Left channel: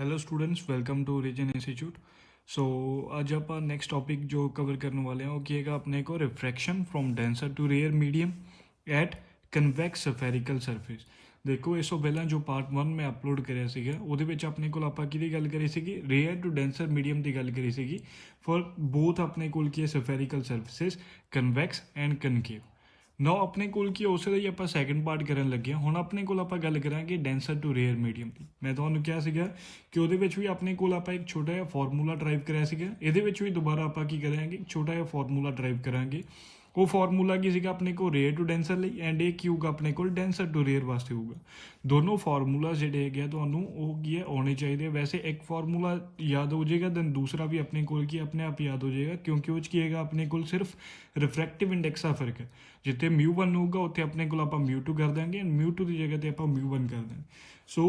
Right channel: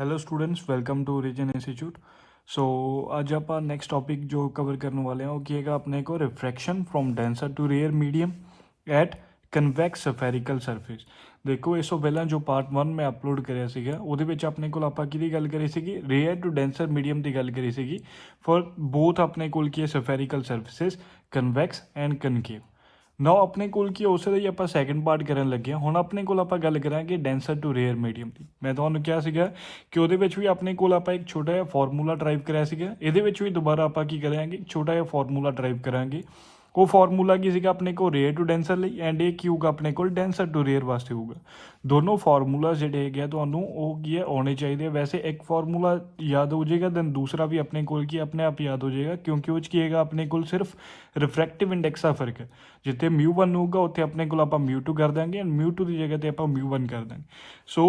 Hello students, welcome to reason institute. So आज आप next topic जो कवर करने वाले हैं वो किएगा अपने को refraction from denser to rare medium at convex spherical surface. ਦੇਖੋ ਇਸ ਤੋਂ ਪਹਿਲਾਂ ਜੋ ਪਾਰਟ 1 ਮੈਂ ਅਪਲੋਡ ਕਰਿਆ ਸੀਗਾ ਉਹਦੇ ਵਿੱਚ ਆਪਣੇ ਕੋਲ ਆਪਾਂ ਕਿਹਦੀ ਗੱਲ ਕਰੀ ਸੀਗੀ, ਰੇਅਰ ਟੂ ਡੈਂਸਰ ਮੀਡੀਅਮ ਦੀ ਗੱਲ ਕਰੀ ਸੀਗੀ ਫॉर ਬੋਥ ਆਪਣੇ ਕੋਲ ਕੀ ਹੈ ਸਫੈਰੀਕਲ ਸਰਫੇਸਿਸ ਕਨਵੈਕਸ ਐਂਡ ਕਨਕੇਵ। ਨਾ ਆਪਣੇ ਕੋਲ ਕੀ ਉਸ ਲਈ ਆਪਾਂ ਸੈਕੰਡ ਪਾਰਟ ਕਰਨ ਲੱਗੇ ਹਾਂ। ਹੁਣ ਆਪਣੇ ਕੋਲ ਆਪਾਂ ਗੱਲ ਕਰਾਂਗੇ ਡੈਂਸਰ ਟੂ ਰੇਅਰ ਮੀਡੀਅਮ ਦੀ। ਮੈਂ ਤੁਹਾਨੂੰ ਕਿਹਾ ਸੀਗਾ ਕਿ ਉਹਦੇ ਵਿੱਚ ਵੀ ਆਪਣੇ ਕੋਲ ਆਪਾਂ ਇੱਕ ਛੋਟਾ ਜਿਹਾ ਫਾਰਮੂਲਾ ਡਰਾਈਵ ਕਰਿਆ ਸੀਗਾ, ਇਹਦੇ ਵਿੱਚ ਵੀ ਦੁਬਾਰਾ ਆਪਾਂ ਕੀ ਕਰਾਂਗੇ, ਛੋਟਾ ਜਿਹਾ ਫਾਰਮੂਲਾ ਡਰਾਈਵ ਕਰਾਂਗੇ। ਉਹ ਫਾਰਮੂਲਾ ਕੀ ਸੀਗਾ ਆਪਣੇ ਕੋਲ ਰੇਅਰ ਟੂ ਡੈਂਸਰ ਲਈ, ਐਂਡ ਇਹ ਕੀ ਹੋਊਗਾ ਆਪਣੇ ਕੋਲ ਡੈਂਸਰ ਟੂ ਰੇਅਰ ਵਾਸਤੇ ਹੋਊਗਾ। ਦੋਨੋਂ ਫਾਰਮੂਲਾ ਜਿਹੜੇ ਹੈਗੇ ਆ ਤੁਹਾਨੂੰ ਉਹ ਕੀ ਹੈ ਆਉਣੇ ਚਾਹੀਦੇ। ਵੈਸੇ ਇੱਕ ਫਾਰਮੂਲਾ ਯਾਦ ਹੋ ਜਾਏਗਾ ਦੈਨ ਦੂਸਰਾ ਵੀ ਆਪਣੇ ਕੋਲ ਕੀ ਆਪਣੇ ਆਪ ਯਾਦ ਹੋ ਜਾਏਗਾ, ਕਿਉਂਕਿ ਉਹ 'ਚ ਕੀ ਹੈਗਾ ਆਪਣੇ ਕੋਲ ਸਿਰਫ ਰਿਫਰੈਕਟਿਵ ਇੰਡੈਕਸ ਦਾ ਫਰਕ ਹੈ। ਜਿੱਥੇ μ1 ਹੋਊਗਾ ਉੱਥੇ ਆਪਣੇ ਕੋਲ ਆਪਾਂ μ2 ਕਰ ਦਾਂਗੇ ਐਂਡ μ2 ਦੀ ਜਗ੍ਹਾ ਤੇ ਆਪਾਂ μ1 ਕਰ ਦਾਂਗੇ। ਸੋ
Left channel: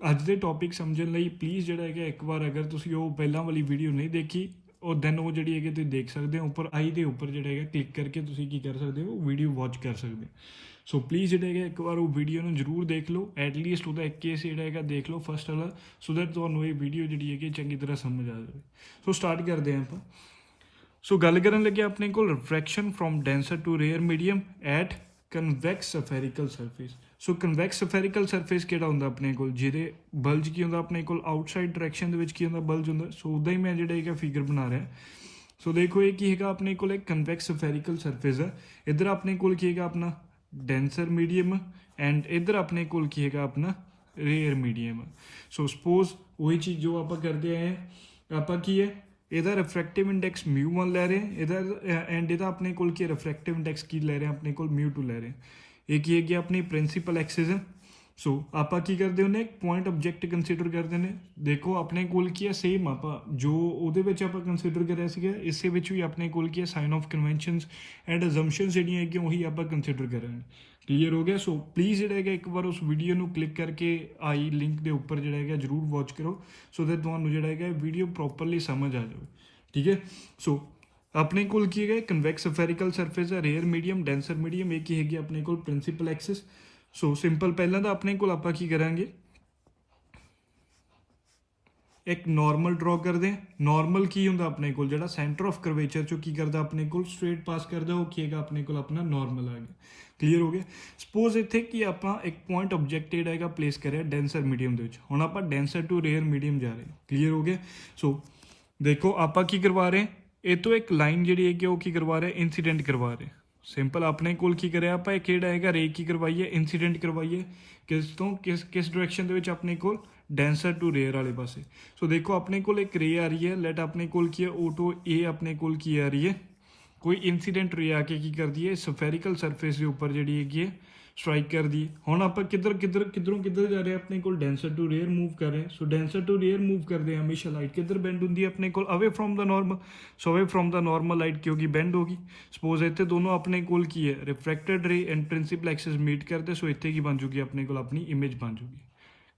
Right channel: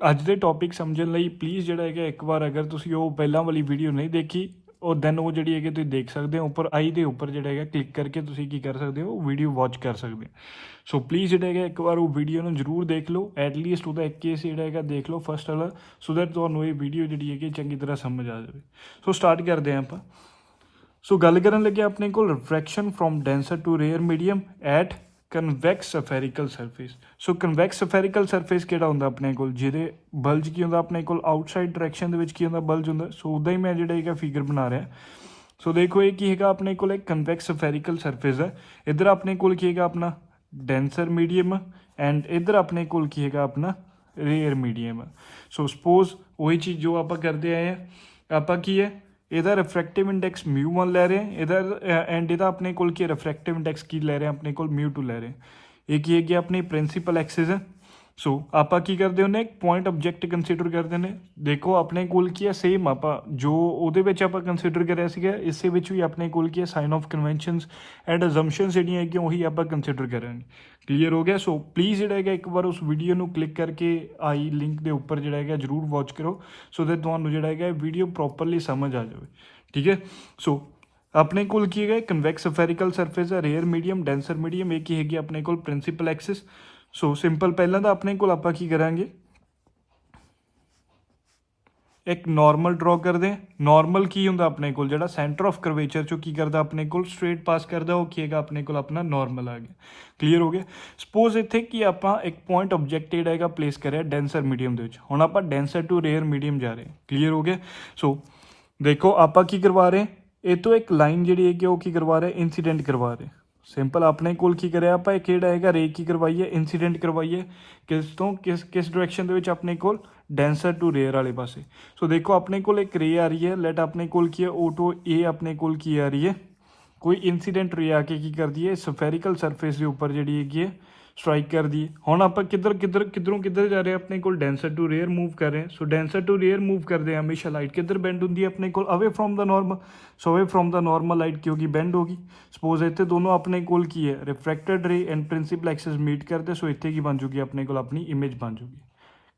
ਅੱਜ ਦੇ ਟੌਪਿਕ ਸਮਝਣ ਲਈ ਪਲੀਜ਼ ਜਿਹੜਾ ਹੈਗਾ ਇੱਕ ਵਾਰ ਅਗਰ ਤੁਸੀਂ ਉਹ ਪਹਿਲਾਂ ਵਾਲੀ ਵੀਡੀਓ ਨਹੀਂ ਦੇਖੀ ਉਹ ਦੈਨ ਉਹ ਜਿਹੜੀ ਹੈਗੀ ਤੁਸੀਂ ਦੇਖ ਸਕਦੇ ਹੋ। ਉੱਪਰ ਆਈ ਦੇ ਉੱਪਰ ਜਿਹੜਾ ਹੈਗਾ ਕਲਿੱਕ ਕਰਕੇ ਤੁਸੀਂ ਕੀ ਕਰ ਸਕਦੇ ਹੋ, ਵੀਡੀਓ ਵਾਚ ਕਰ ਸਕਦੇ ਹੋ। ਸੋ ਪਲੀਜ਼ ਜਿਹੜਾ ਹੈਗਾ ਇੱਕ ਵਾਰ ਉਹ ਵੀਡੀਓ ਨੂੰ ਜ਼ਰੂਰ ਦੇਖ ਲਓ, ਐਟਲੀਸਟ ਉਹਦਾ ਇੱਕ ਕੇਸ ਜਿਹੜਾ ਹੈਗਾ ਦੇਖ ਲਓ ਫਸਟ ਵਾਲਾ, ਸੋ ਦੈਟ ਤੁਹਾਨੂੰ ਇਹ ਵੀਡੀਓ ਜਿਹੜੀ ਹੈਗੀ ਚੰਗੀ ਤਰ੍ਹਾਂ ਸਮਝ ਆ ਜਾਵੇ। ਸੋ ਸਟਾਰਟ ਕਰਦੇ ਹਾਂ ਆਪਾਂ। ਸੋ ਗੱਲ ਕਰਨ ਲੱਗੇ ਆਪਣੇ ਕੋਲ refraction from denser to rare medium at convex spherical surface. So convex spherical surface ਕਿਹੜਾ ਹੁੰਦਾ ਆਪਣੇ ਕੋਲ, ਜਿਹਦੇ ਬਲਜ ਕੀ ਹੁੰਦਾ ਆਪਣੇ ਕੋਲ ਆਊਟਸਾਈਡ ਡਾਇਰੈਕਸ਼ਨ ਦੇ ਵਿੱਚ ਕੀ ਹੁੰਦਾ ਬਲਜ ਹੁੰਦਾ। ਸੋ ਉੱਦਾਂ ਹੀ ਮੈਂ ਜਿਹੜਾ ਹੈਗਾ ਫਿਗਰ ਬਣਾ ਰਿਹਾ। ਸੋ ਦੇਖੋ ਇਹ ਕੀ ਹੈਗਾ ਆਪਣੇ ਕੋਲ ਇੱਕ ਕਨਵੈਕਸ ਸਫੈਰੀਕਲ ਸਰਫੇਸ ਹੈ। ਇੱਧਰ ਆਪਣੇ ਕੋਲ ਕੀ ਹੈਗਾ ਆਪਣਾ ਡੈਂਸਰ ਮੀਡੀਅਮ ਐਂਡ ਇੱਧਰ ਆਪਣੇ ਕੋਲ ਕੀ ਹੈਗਾ ਆਪਣਾ ਰੇਅਰ ਮੀਡੀਅਮ। ਸੋ ਸਪੋਜ਼ ਉਹੀ ਚੀਜ਼ ਜੋ ਆਪਾਂ ਕਰਦੇ ਆਏ ਆ, ਆਪਾਂ ਕੀ ਹੈ ਇਹਦਾ ਰਿਫਰੈਕਟਿਵ ਇੰਡੈਕਸ μ1 ਲੈ ਰਹੇ ਹਾਂ, ਇਹਦਾ ਐਂਡ ਇਹਦਾ ਆਪਣੇ ਕੋਲ ਕੀ ਰਿਫਰੈਕਟਿਵ ਇੰਡੈਕਸ ਕੀ ਲੈ ਰਹੇ ਹਾਂ ਆਪਣੇ ਕੋਲ μ2 ਲੈ ਰਹੇ ਹਾਂ। ਇਹ ਕੀ ਹੈਗੀ ਆਪਣੀ ਪ੍ਰਿੰਸੀਪਲ ਐਕਸਿਸ ਹੈ। ਸੋ ਆਪਾਂ ਕੀ ਕਰਦੇ ਹੁੰਦੇ ਇੱਕ ਪੁਆਇੰਟ ਆਬਜੈਕਟ ਕੰਸੀਡਰ ਕਰਦੇ ਨੇ। ਦੇਖੋ ਆਪਣੇ ਕੋਲ ਕੀ ਹੈ ਸੇਮ ਆਪਾਂ ਜੋ ਉਹਦੇ ਵਿੱਚ ਆਪਾਂ ਕੰਸੀਡਰ ਕਰਿਆ ਸੀਗਾ ਇਸੇ ਵਿੱਚ ਵੀ ਆਪਣੇ ਕੋਲ ਕੀ ਹੈ ਸਾਈਨ ਆਫ ਕਨਵੈਨਸ਼ਨਸ ਐਂਡ ਅਜ਼ੰਪਸ਼ਨਸ ਜਿਹੜੀਆਂ ਹੈਗੀਆਂ ਉਹੀ ਆਪਾਂ ਕੰਸੀਡਰ ਕਰਾਂਗੇ। ਕਲੀਅਰ ਹੋ ਗਿਆ। ਸੋ ਪਲੀਜ਼ ਜਿਹੜਾ ਹੈਗਾ ਇੱਕ ਵਾਰ ਉਸ ਵੀਡੀਓ ਨੂੰ ਕਲਿੱਕ ਕਰਕੇ ਆਈ ਲਿੰਕ ਦੇ ਉੱਪਰ ਜਿਹੜਾ ਹੈਗਾ ਜ਼ਰੂਰ ਵਾਚ ਕਰੋ, ਸੋ ਦੈਟ ਤੁਹਾਨੂੰ ਜਿਹੜਾ ਹੈਗਾ ਵੀਡੀਓ ਪ੍ਰੋਪਰਲੀ ਸਮਝ ਆ ਜਾਵੇ। ਠੀਕ ਹੈ। ਸੋ ਆਪਣੇ ਕੋਲ ਕੀ ਹੈਗਾ ਕਨਵੈਕਸ ਸਫੈਰੀਕਲ ਸਰਫੇਸ ਹੈ, ਰੇਅਰ ਮੀਡੀਅਮ ਡੈਂਸਰ ਮੀਡੀਅਮ, ਇਹ ਕੀ ਹੈਗੀ ਆਪਣੇ ਕੋਲ ਪ੍ਰਿੰਸੀਪਲ ਐਕਸਿਸ। ਸੋ ਸਿੰਪਲ ਪਹਿਲਾਂ ਤਾਂ ਆਪਣੇ ਕੋਲ ਆਪਾਂ ਕੀ ਕਰਾਂਗੇ ਇੱਕ ਨਾਰਮਲ ਡਰਾ ਕਰਦੇ ਹਾਂ। ਨਾਰਮਲ ਕੀ ਹੁੰਦਾ ਆਪਣੇ ਕੋਲ ਜਿਹੜਾ ਸੈਂਟਰ ਆਫ ਕਰਵੇਚਰ ਚੋਂ ਕੀ ਕਰਦਾ ਆਪਣੇ ਕੋਲ ਸਟ੍ਰੇਟ ਪਾਸ ਕਰਦਾ, ਉਹ ਕੀ ਹੈਗਾ ਆਪਣੇ ਕੋਲ ਆਪਣਾ ਨਾਰਮਲ ਆ ਗਿਆ। ਕਲੀਅਰ ਹੋ ਗਿਆ। ਸਪੋਜ਼ ਇੱਥੇ ਕੀ ਆਪਾਂ ਇੱਕ ਪੁਆਇੰਟ ਆਬਜੈਕਟ ਜਿਹੜਾ ਹੈਗਾ ਪਲੇਸ ਕਰਿਆ ਡੈਂਸਰ ਮੀਡੀਅਮ ਦੇ ਵਿੱਚ। ਹੁਣ ਆਪਾਂ ਡੈਂਸਰ ਟੂ ਰੇਅਰ ਮੀਡੀਅਮ ਜਾ ਰਹੇ ਹਾਂ। ਕਲੀਅਰ ਹੋ ਗਿਆ। ਸੋ ਦੇਖੋ ਆਪਾਂ ਕੀ ਕਰਵਾ ਰਹੇ, ਇਹ ਤੋਂ ਇੱਕ ਲਾਈਨ ਜਿਹੜੀ ਹੈਗੀ ਉਹ ਕੀ ਕਰਵਾ ਰਹੇ, ਇੰਸੀਡੈਂਟ ਕਰਵਾ ਰਹੇ। ਸਿੰਪਲ ਆਪਣੇ ਕੋਲ ਕੀ ਕਰਿਆ ਆਪਾਂ ਇਹ ਕਿਹੜਾ ਹੈਗਾ ਰੇ ਕੀ ਕਰਵਾਈਏ, ਇੰਸੀਡੈਂਟ ਕਰਵਾਈਏ। ਕਿਸ ਤੋਂ ਕਿਸ ਡਾਇਰੈਕਸ਼ਨ ਦੇ ਵਿੱਚ ਆਪਣੇ ਕੋਲ ਡੈਂਸਰ ਟੂ ਰੇਅਰ ਵਾਲੇ ਪਾਸੇ। ਸੋ ਦੇਖੋ ਆਪਣੇ ਕੋਲ ਇੱਕ ਰੇ ਆ ਰਹੀ ਹੈ, ਲੈਟ ਆਪਣੇ ਕੋਲ ਕੀ ਹੈ ਓ2 ਏ ਆਪਣੇ ਕੋਲ ਕੀ ਆ ਰਹੀ ਹੈ, ਕੋਈ ਇੰਸੀਡੈਂਟ ਰੇ ਆ ਕੇ ਕੀ ਕਰਦੀ ਹੈ ਸਫੈਰੀਕਲ ਸਰਫੇਸ ਦੇ ਉੱਪਰ ਜਿਹੜੀ ਹੈਗੀ ਹੈ ਸਟ੍ਰਾਈਕ ਕਰਦੀ ਹੈ। ਹੁਣ ਆਪਾਂ ਕਿੱਧਰੋਂ ਜਾ ਰਹੇ ਆਪਣੇ ਕੋਲ ਡੈਂਸਰ ਟੂ ਰੇਅਰ ਮੂਵ ਕਰ ਰਹੇ। ਸੋ ਡੈਂਸਰ ਟੂ ਰੇਅਰ ਮੂਵ ਕਰਦੇ ਆ ਹਮੇਸ਼ਾ ਲਾਈਟ ਕਿੱਧਰ ਬੈਂਡ ਹੁੰਦੀ ਹੈ ਆਪਣੇ ਕੋਲ ਅਵੇ ਫਰੋਮ ਦਾ ਨਾਰਮਲ। ਸੋ ਅਵੇ ਫਰੋਮ ਦਾ ਨਾਰਮਲ ਲਾਈਟ ਕੀ ਹੋਗੀ ਬੈਂਡ ਹੋਗੀ। ਸਪੋਜ਼ ਇੱਥੇ ਦੋਨੋਂ ਆਪਣੇ ਕੋਲ ਕੀ ਹੈ ਰਿਫਰੈਕਟਡ ਰੇ ਐਂਡ ਪ੍ਰਿੰਸੀਪਲ ਐਕਸਿਸ ਮੀਟ ਕਰਦੇ। ਸੋ ਇੱਥੇ ਕੀ ਬਣ ਜੂਗੀ ਆਪਣੇ ਕੋਲ ਆਪਣੀ ਇਮੇਜ ਬਣ ਜੂਗੀ।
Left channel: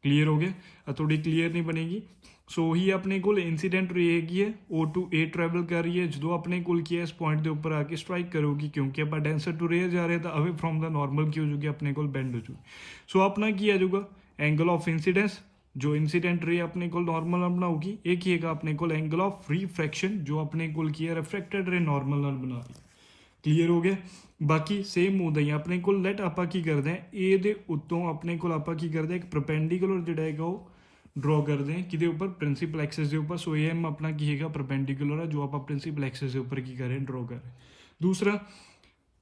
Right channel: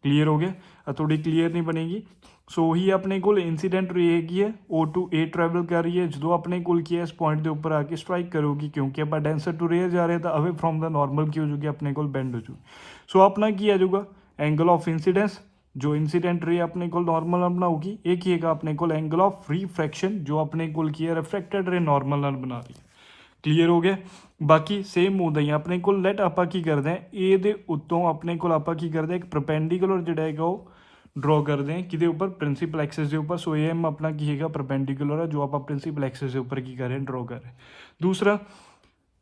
ਕਲੀਅਰ ਹੋ ਗਿਆ। ਥੋੜੀ ਕਲੀਅਰ ਨਹੀਂ ਬਣੇਗੀ। ਸੋ ਉਹੀ ਆਪਣੇ ਕੋਲ ਇੰਸੀਡੈਂਟ ਰੇ ਹੈਗੀ ਹੈ O2 A ਟਰੈਵਲ ਕਰ ਰਹੀ ਹੈ, ਜਦੋਂ ਆਪਣੇ ਕੋਲ ਕੀ ਹੈ ਇਸ ਪੁਆਇੰਟ ਦੇ ਉੱਪਰ ਆ ਕੇ ਸਟ੍ਰਾਈਕ ਕਰੂਗੀ, ਕਿਉਂਕਿ ਆਪਾਂ ਡੈਂਸਰ ਟੂ ਰੇਅਰ ਜਾ ਰਹੇ ਤਾਂ ਅਵੇ ਫਰੋਮ ਦਾ ਨਾਰਮਲ ਕੀ ਹੋ ਜੂਗੀ ਆਪਣੇ ਕੋਲ ਬੈਂਡ ਹੋ ਜੂਗੀ। ਸੋ ਆਪਣਾ ਕੀ ਆ ਜਾਊਗਾ ਐਂਗਲ ਆਫ ਇੰਸੀਡੈਂਸ, ਜੋ ਇੰਸੀਡੈਂਟ ਰੇ ਆਪਣੇ ਕੋਲ ਨਾਰਮਲ ਨਾਲ ਬਣਾਊਗੀ। ਇਹ ਕੀ ਹੈਗਾ ਆਪਣੇ ਕੋਲ ਐਂਗਲ ਆਫ ਰਿਫਰੈਕਸ਼ਨ, ਜੋ ਆਪਣੇ ਕੋਲ ਕੀ ਹੈ ਰਿਫਰੈਕਟਡ ਰੇ ਨਾਰਮਲ ਨਾਲ ਬਣਾ ਰਹੀ। ਕਲੀਅਰ ਹੋ ਗਿਆ। ਬਾਕੀ ਸੇਮ ਹੁੰਦਾ ਹੀ ਆਪਣੇ ਕੋਲ ਲੈਟ ਆਪਾਂ ਕੀ ਕਰਦੇ ਹਾਂ ਇਹ ਦੇ ਉੱਤੋਂ ਆਪਣੇ ਕੋਲ ਆਪਾਂ ਕੀ ਕਰਦੇ ਇੱਕ ਪਰਪੈਂਡੀਕੂਲਰ ਜਿਹੜਾ ਹੈਗਾ ਉਹ ਡਰਾ ਕਰਦੇ ਹਾਂ ਕਿਹਦੇ ਉੱਪਰ ਪ੍ਰਿੰਸੀਪਲ ਐਕਸਿਸ ਦੇ ਉੱਪਰ। ਸੋ ਇਹ ਆਪਣਾ ਕੀ ਹੈਗਾ ਪਰਪੈਂਡੀਕੂਲਰ ਹੈ ਜੋ ਆਪਾਂ ਪ੍ਰਿੰਸੀਪਲ ਐਕਸਿਸ ਦੇ ਉੱਪਰ ਕੀ ਕਰ ਰਹੇ ਡਰਾ ਕਰ ਰਹੇ। ਦੂਸਰਾ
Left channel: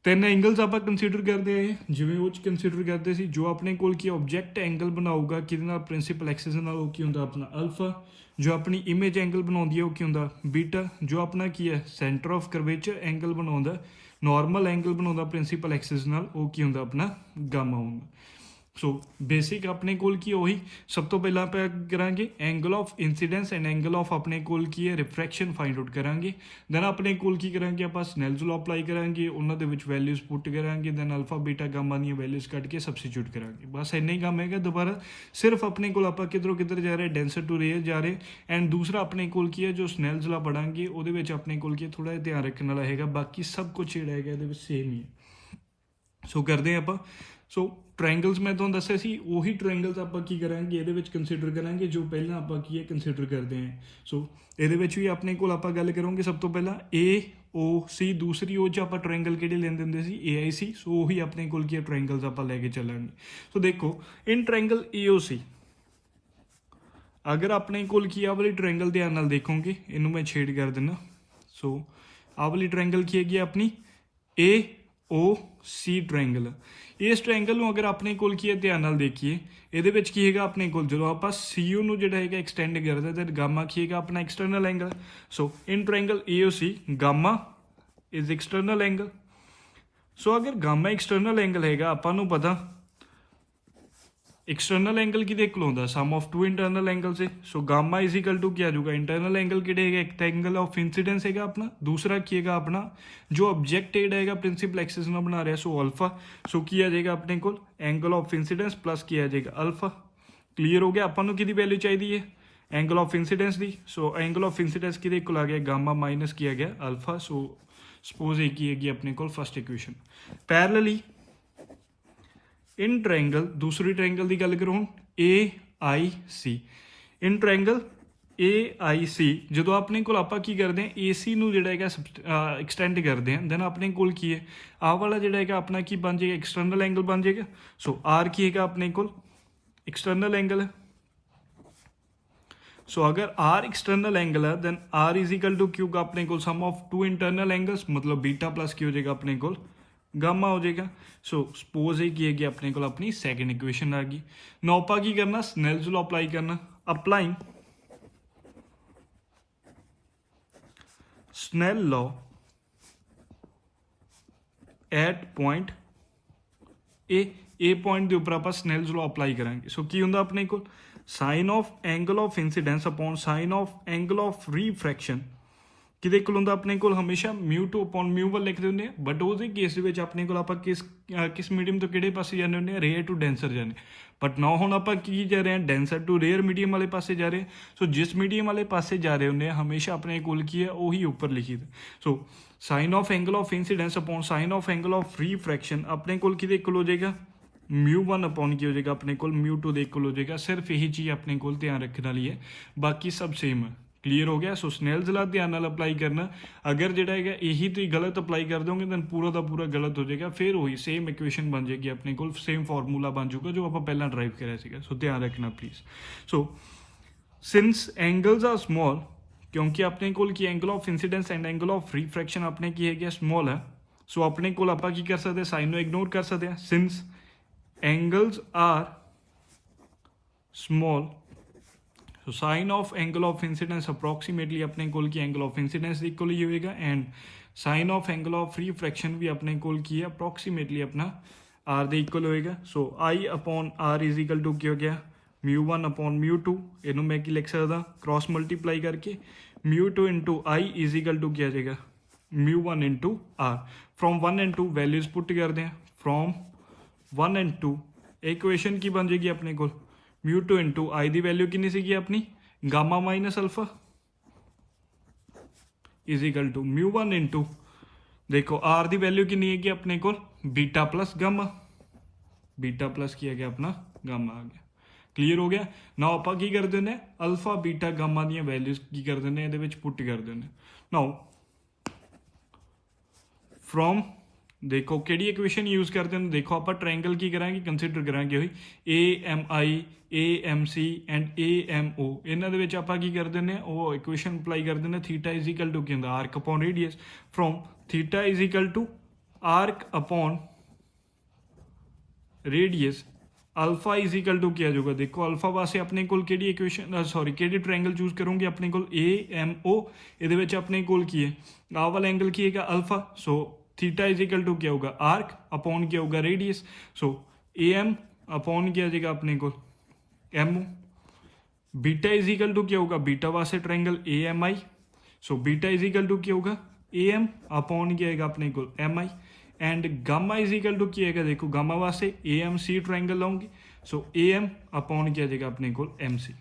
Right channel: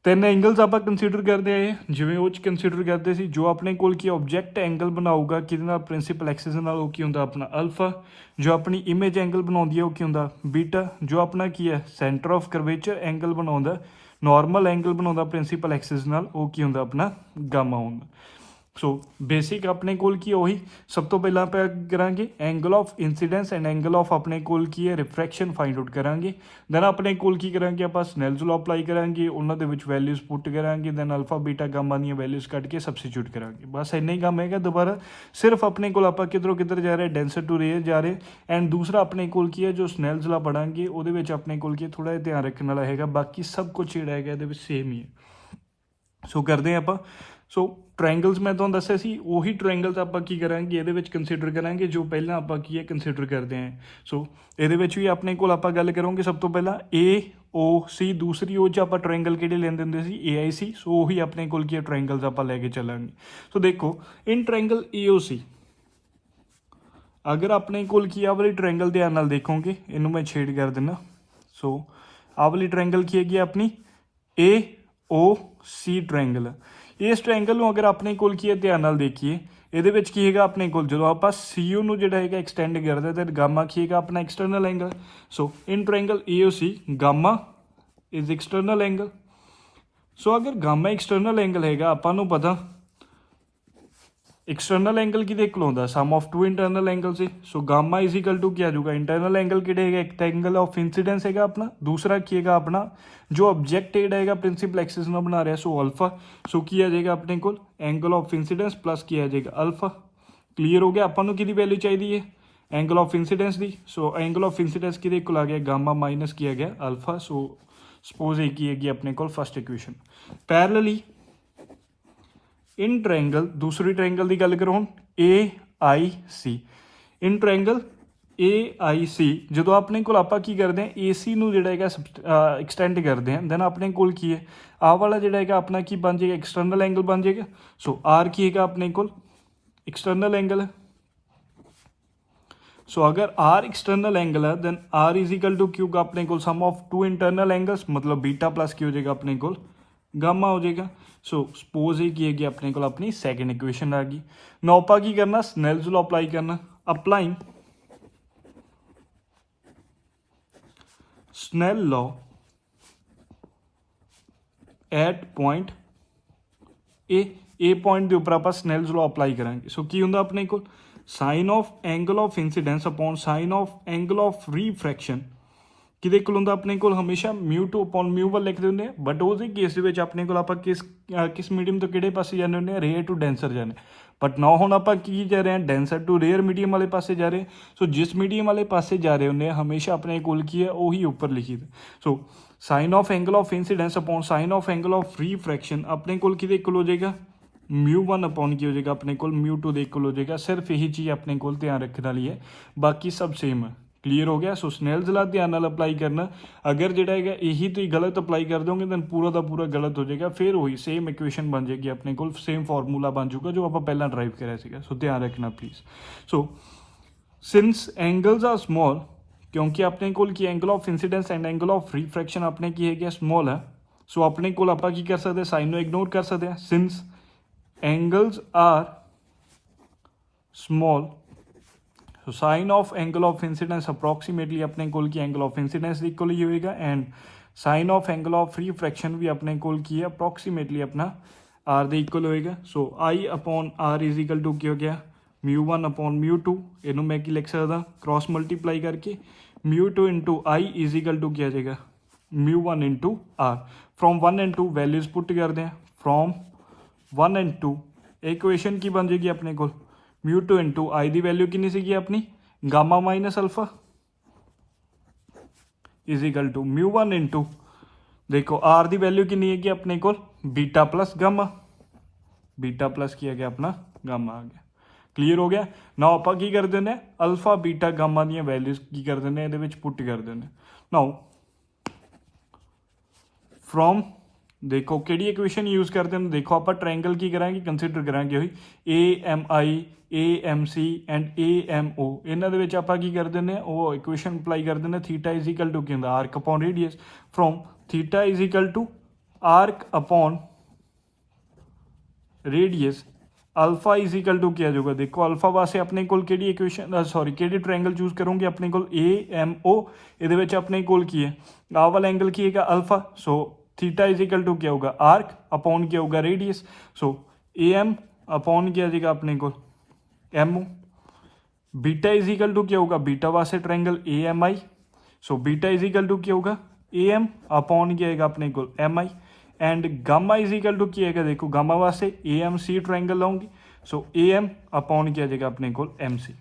ਤਿੰਨ ਐਂਗਲਸ ਆਪਾਂ ਕੰਸੀਡਰ ਕਰਦੇ ਆਏ ਜਿਵੇਂ ਉਹ 'ਚ ਕੰਸੀਡਰ ਕਰਦੇ ਸੀ। ਜੋ ਆਪਣੇ ਕੋਲ ਕੀ ਆਬਜੈਕਟ ਐਂਗਲ ਬਣਾਊਗਾ ਕਿਹਦੇ ਨਾਲ ਪ੍ਰਿੰਸੀਪਲ ਐਕਸਿਸ ਨਾਲ, ਉਹ ਕੀ ਹੁੰਦਾ ਆਪਣਾ ਅਲਫਾ। ਜੋ ਆਪਣੀ ਇਮੇਜ ਐਂਗਲ ਬਣਾਉਂਦੀ ਹੈ ਉਹ ਕੀ ਹੁੰਦਾ ਬੀਟਾ। ਜੋ ਆਪਣਾ ਕੀ ਹੈ ਸੈਂਟਰ ਆਫ ਕਰਵੇਚਰ ਐਂਗਲ ਬਣਾਉਂਦਾ, ਨਾਰਮਲ ਐਂਗਲ ਬਣਾਉਂਦਾ ਪ੍ਰਿੰਸੀਪਲ ਐਕਸਿਸ ਨਾਲ, ਉਹ ਕੀ ਹੁੰਦਾ ਆਪਣਾ ਗਾਮਾ ਹੁੰਦਾ। ਸੋ ਬੇਸਿਕ ਆਪਣੇ ਕੋਲ ਕੀ ਉਹੀ ਸਭ ਤੋਂ ਪਹਿਲਾਂ ਆਪਾਂ ਕਰਾਂਗੇ angle of incidents and angle of ਆਪਣੇ ਕੋਲ ਕੀ ਹੈ ਰਿਫਰੈਕਸ਼ਨ ਫਾਈਂਡ ਆਊਟ ਕਰਾਂਗੇ। ਦੈਨ ਆਪਣੇ ਕੋਲ ਕੀ ਕਰਾਂਗੇ ਆਪਾਂ ਸਨੈਲਜ਼ ਲਾਅ ਅਪਲਾਈ ਕਰਾਂਗੇ, ਉਹਨਾਂ ਦੇ ਵਿੱਚ ਵੈਲਿਊਜ਼ ਪੁੱਟ ਕਰਾਂਗੇ, ਦੈਨ ਅਲਫਾ ਬੀਟਾ ਗਾਮਾ ਦੀਆਂ ਵੈਲਿਊਜ਼ ਕੱਢ ਕੇ ਸਬਸਟੀਟਿਊਟ ਕਰਾਂਗੇ। ਬਸ ਇੰਨਾ ਹੀ ਕੰਮ ਹੈਗਾ। ਦੁਬਾਰਾ ਸਿਰਫ ਆਪਣੇ ਕੋਲ ਆਪਾਂ ਕਿੱਧਰ ਜਾ ਰਹੇ ਡੈਂਸਰ ਟੂ ਰੇਅਰ ਜਾ ਰਹੇ। ਐਂਡ ਦੂਸਰਾ ਆਪਣੇ ਕੋਲ ਕੀ ਹੈ ਜੋ ਸਨੈਲਜ਼ ਲਾਅ ਪੜਾਂਗੇ ਉਹਦੇ ਵਿੱਚ ਆਪਣੇ ਕੋਲ ਕੀ ਥੋੜਾ ਜਿਹਾ ਧਿਆਨ ਰੱਖਣ ਵਾਲਾ ਹੈਗਾ, ਬਾਕੀ ਸਭ ਕੁਝ ਜਿਹੜਾ ਹੈਗਾ ਇਹਦੇ ਵਿੱਚ ਸੇਮ ਹੀ ਹੈ। ਸੋ ਕਰਦੇ ਹਾਂ ਆਪਾਂ ਸੋ ਟ੍ਰਾਇੰਗਲਸ ਮੈਂ ਤੁਹਾਨੂੰ ਦੱਸਿਆ ਸੀ, ਉਹੀ ਟ੍ਰਾਇੰਗਲਸ ਆਪਾਂ ਕੀ ਕਰਾਂਗੇ ਇਹਦੇ ਵਿੱਚ ਕੰਸੀਡਰ ਕਰਾਂਗੇ ਜੋ ਪਹਿਲਾਂ ਆਪਾਂ ਕੀ ਹੈ ਕੰਸੀਡਰ ਕਰਦੇ ਹਾਂ। ਸੋ ਇਹਦੇ ਵਿੱਚ ਵੀ ਆਪਣੇ ਕੋਲ ਆਪਾਂ ਗੱਲ ਕਰਾਂਗੇ ਸਭ ਤੋਂ ਪਹਿਲਾਂ AOC, ਦੂਸਰੀ ਉਹ 'ਚ ਆਪਾਂ ਟ੍ਰਾਇੰਗਲ ਕਿਹੜੇ ਲੈਂਦੇ ਹੁੰਦੇ ਸੀ AIC। ਸੋ ਉਹੀ ਆਪਣੇ ਕੋਲ ਕੀ ਹੈ ਟ੍ਰਾਇੰਗਲਸ ਆਪਾਂ ਲੈ ਕੇ ਚੱਲਾਂਗੇ। ਸੋ ਦੇਖੋ ਇਨ ਟ੍ਰਾਇੰਗਲ AOC ਅਗਰ ਆਪਣੇ ਕੋਲ ਕੀ ਆ ਵਾਲੀ ਟ੍ਰਾਇੰਗਲ ਧਿਆਨ ਨਾਲ ਦੇਖੋਗੇ, ਇਹਨੂੰ ਮੈਂ ਛੇਡ ਕਰ ਦਿੰਦਾ। ਸੋ ਆਹ ਵਾਲੀ ਟ੍ਰਾਇੰਗਲ ਕੀ ਹੈਗੀ ਆਪਣੀ AOC ਟ੍ਰਾਇੰਗਲ। ਇਸ ਟ੍ਰਾਇੰਗਲ ਨੂੰ ਅਗਰ ਆਪਣੇ ਕੋਲ ਕੀ ਹੈ ਧਿਆਨ ਨਾਲ ਦੇਖੀਏ, ਇਹਦੇ ਵਿੱਚ ਕੀ ਹੈਗਾ ਆਪਣੇ ਕੋਲ ਜਦੋਂ ਆਪਾਂ CO ਨੂੰ ਜਿਹੜਾ ਹੈਗਾ ਐਕਸਟੈਂਡ ਕਰਦੇ ਤਾਂ ਗਾਮਾ ਕੀ ਹੈਗਾ ਆਪਣਾ external angle. So in triangle AOC gamma is external angle. So ਅਗਰ ਗਾਮਾ ਐਕਸਟਰਨਲ ਐਂਗਲ ਹੈਗਾ, ਆਪਾਂ ਨੂੰ ਪਤਾ एक्सटर्नल एंगल किहदे कोल आउंदा sum of two internal angle से। So gamma is equal to क्या आ जाऊगा इंटरनल एंगल किहड़े हैगा एक एंगल ऑफ इंसिडेंस हैगा अपना, दूसरा की हैगा अपना जो ऑब्जेक्ट जेहड़ा हैगा प्रिंसिपल एक्सिस में बना रहा। सो अल्फा, सो की आ जाएगा अपने को एंगल ऑफ इंसिडेंस प्लस की आ जाएगा अल्फा। क्लीयर हो गया। अपन की वैल्यू चाहिए है एंगल ऑफ इंसिडेंस की। सो एंगल ऑफ इंसिडेंस किहदे कोल आ गया गामा माइनस किया गया अल्फा। सो सपोज ये की हैगी अपने को first equation. Parallelly in triangle दूसरी ट्रायंगल की गल करो हम AIC। इन ट्रायंगल AIC जो अपने को आप की करते हैं AC नूं जिहड़ा हैगा एक्सटेंड करते हैं दैन अपने को की है आह वाला जिहड़ा हैगा अपना की बन जाएगा एक्सटर्नल एंगल बन जाएगा। सो R की हैगा अपने को एक्सटर्नल एंगल है। सो अगर R एक्सटर्नल एंगल है then R is equal to क्यों अपने को sum of two internal angles मतलब बीटा प्लस की हो जाएगा अपने को गामा हो जाएगा। सो सपोज ये की हैगी अपने को अपनी सैकेंड इक्वेशन आ गई। नाउ आपां की करना स्नेल्स लॉ अप्लाई करना। Applying Snell law at point A point के उपर आप स्नेल्स लॉ अप्लाई करांगे। सो की हुंदा अपने को sine of angle of incidence upon sine of angle of refraction किहदे कोल हुंदा अपने को हमेशा μ2 अपॉन μ1 लिखते होंगे। बट उस केस दे अपने को आप किस मीडियम तो किहड़े पासे जाने होंगे रेयर टू डेंसर जाने। बट ना हुण आप की जा रहे हैं डेंसर टू रेयर मीडियम वाले पासे जा रहे हैं। सो जिस मीडियम वाले पासे जा रहे होंगे हमेशा अपने कोल की है वही ऊपर लिखी। सो sine of angle of incidence upon sine of angle of refraction अपने कोल किहदे कोल हो जाएगा μ1 अपॉन की हो जाएगा अपने को μ2 दे कोल हो जाएगा। सिर्फ यही चीज़ अपने को ध्यान रखने वाली है, बाकी सब सेम है। क्लीयर हो गया। सो स्नेल्स लॉ ध्यान नाल अप्लाई करना। अगर जिहड़ा हैगा यही तो गलत अप्लाई कर दोगे दैन पूरा का पूरा गलत हो जाएगा, फिर वही सेम इक्वेशन बन जाएगी अपने को, सेम फॉर्मूला बन जाऊगा जो आप पहला ड्राइव कराया सीगा। सो ध्यान रखना please. So since angles are small क्योंकि अपने को की angle of incidence and angle of refraction अपने की है स्मॉल है। सो अपने को आप की कर सकते साइन को इग्नोर कर सकते हैं। Since angles are small so sine of angle of incidence approximately अपने कोल की एंगल ऑफ इंसिडेंस इक्वल ही होएगा and sine of angle of refraction भी अपने कोल की है अप्रॉक्सीमेटली अपना आर दे इक्वल होएगा। So I upon R is equal to क्या हो गया μ1 अपॉन μ2। इनू मैं की लिख सकता क्रॉस मल्टीप्लाई करके μ2 into I is equal to क्या जाएगा μ1 into R. From 1 and 2 values put करते हैं। फ्रॉम 1 एंड 2 इक्वेशन की बन जाएगी अपने को μ2 इंटू आई की वैल्यू कितनी सी अपनी gamma minus alpha is equal to μ1 into देखो आर की वैल्यू कितनी है अपने को beta plus gamma, beta plus किया गया अपना गामा आ गया। क्लीयर हो गया। ना आप की कर दें अल्फा बीटा गामा दी वैल्यूज की कर दें ये पुट कर दें। नाउ फ्रॉम देखो कि इक्वेशन यूज करते हैं देखो आप ट्रायंगल की करांगे कंसीडर करांगे AMI AMC एंड AMO इन्होंने आप की कर दें वो इक्वेशन अप्लाई कर दें थीटा इज इक्वल टू क्या arc upon radius. From theta is equal to arc upon radius alpha is equal to क्या जाऊगा देखो अल्फा वास्ते अपने को इक्वेशन सॉरी कि ट्रायंगल चूज करोगे अपने को AMO ये अपने को की है आ वाला एंगल की है alpha. So theta is equal to क्या होगा आर्क अपॉन क्या होगा रेडियस। सो AM अपॉन क्या जाएगा अपने को MO। Beta is equal to क्या होगा बीटा वास्ते triangle AMI। So beta is equal to क्या होगा AM अपॉन क्या है अपने को MI and gamma is equal to क्या है देखो गामा वास्ते AMC ट्रायंगल लाऊंगी। सो AM अपॉन क्या जाएगा अपने को MC।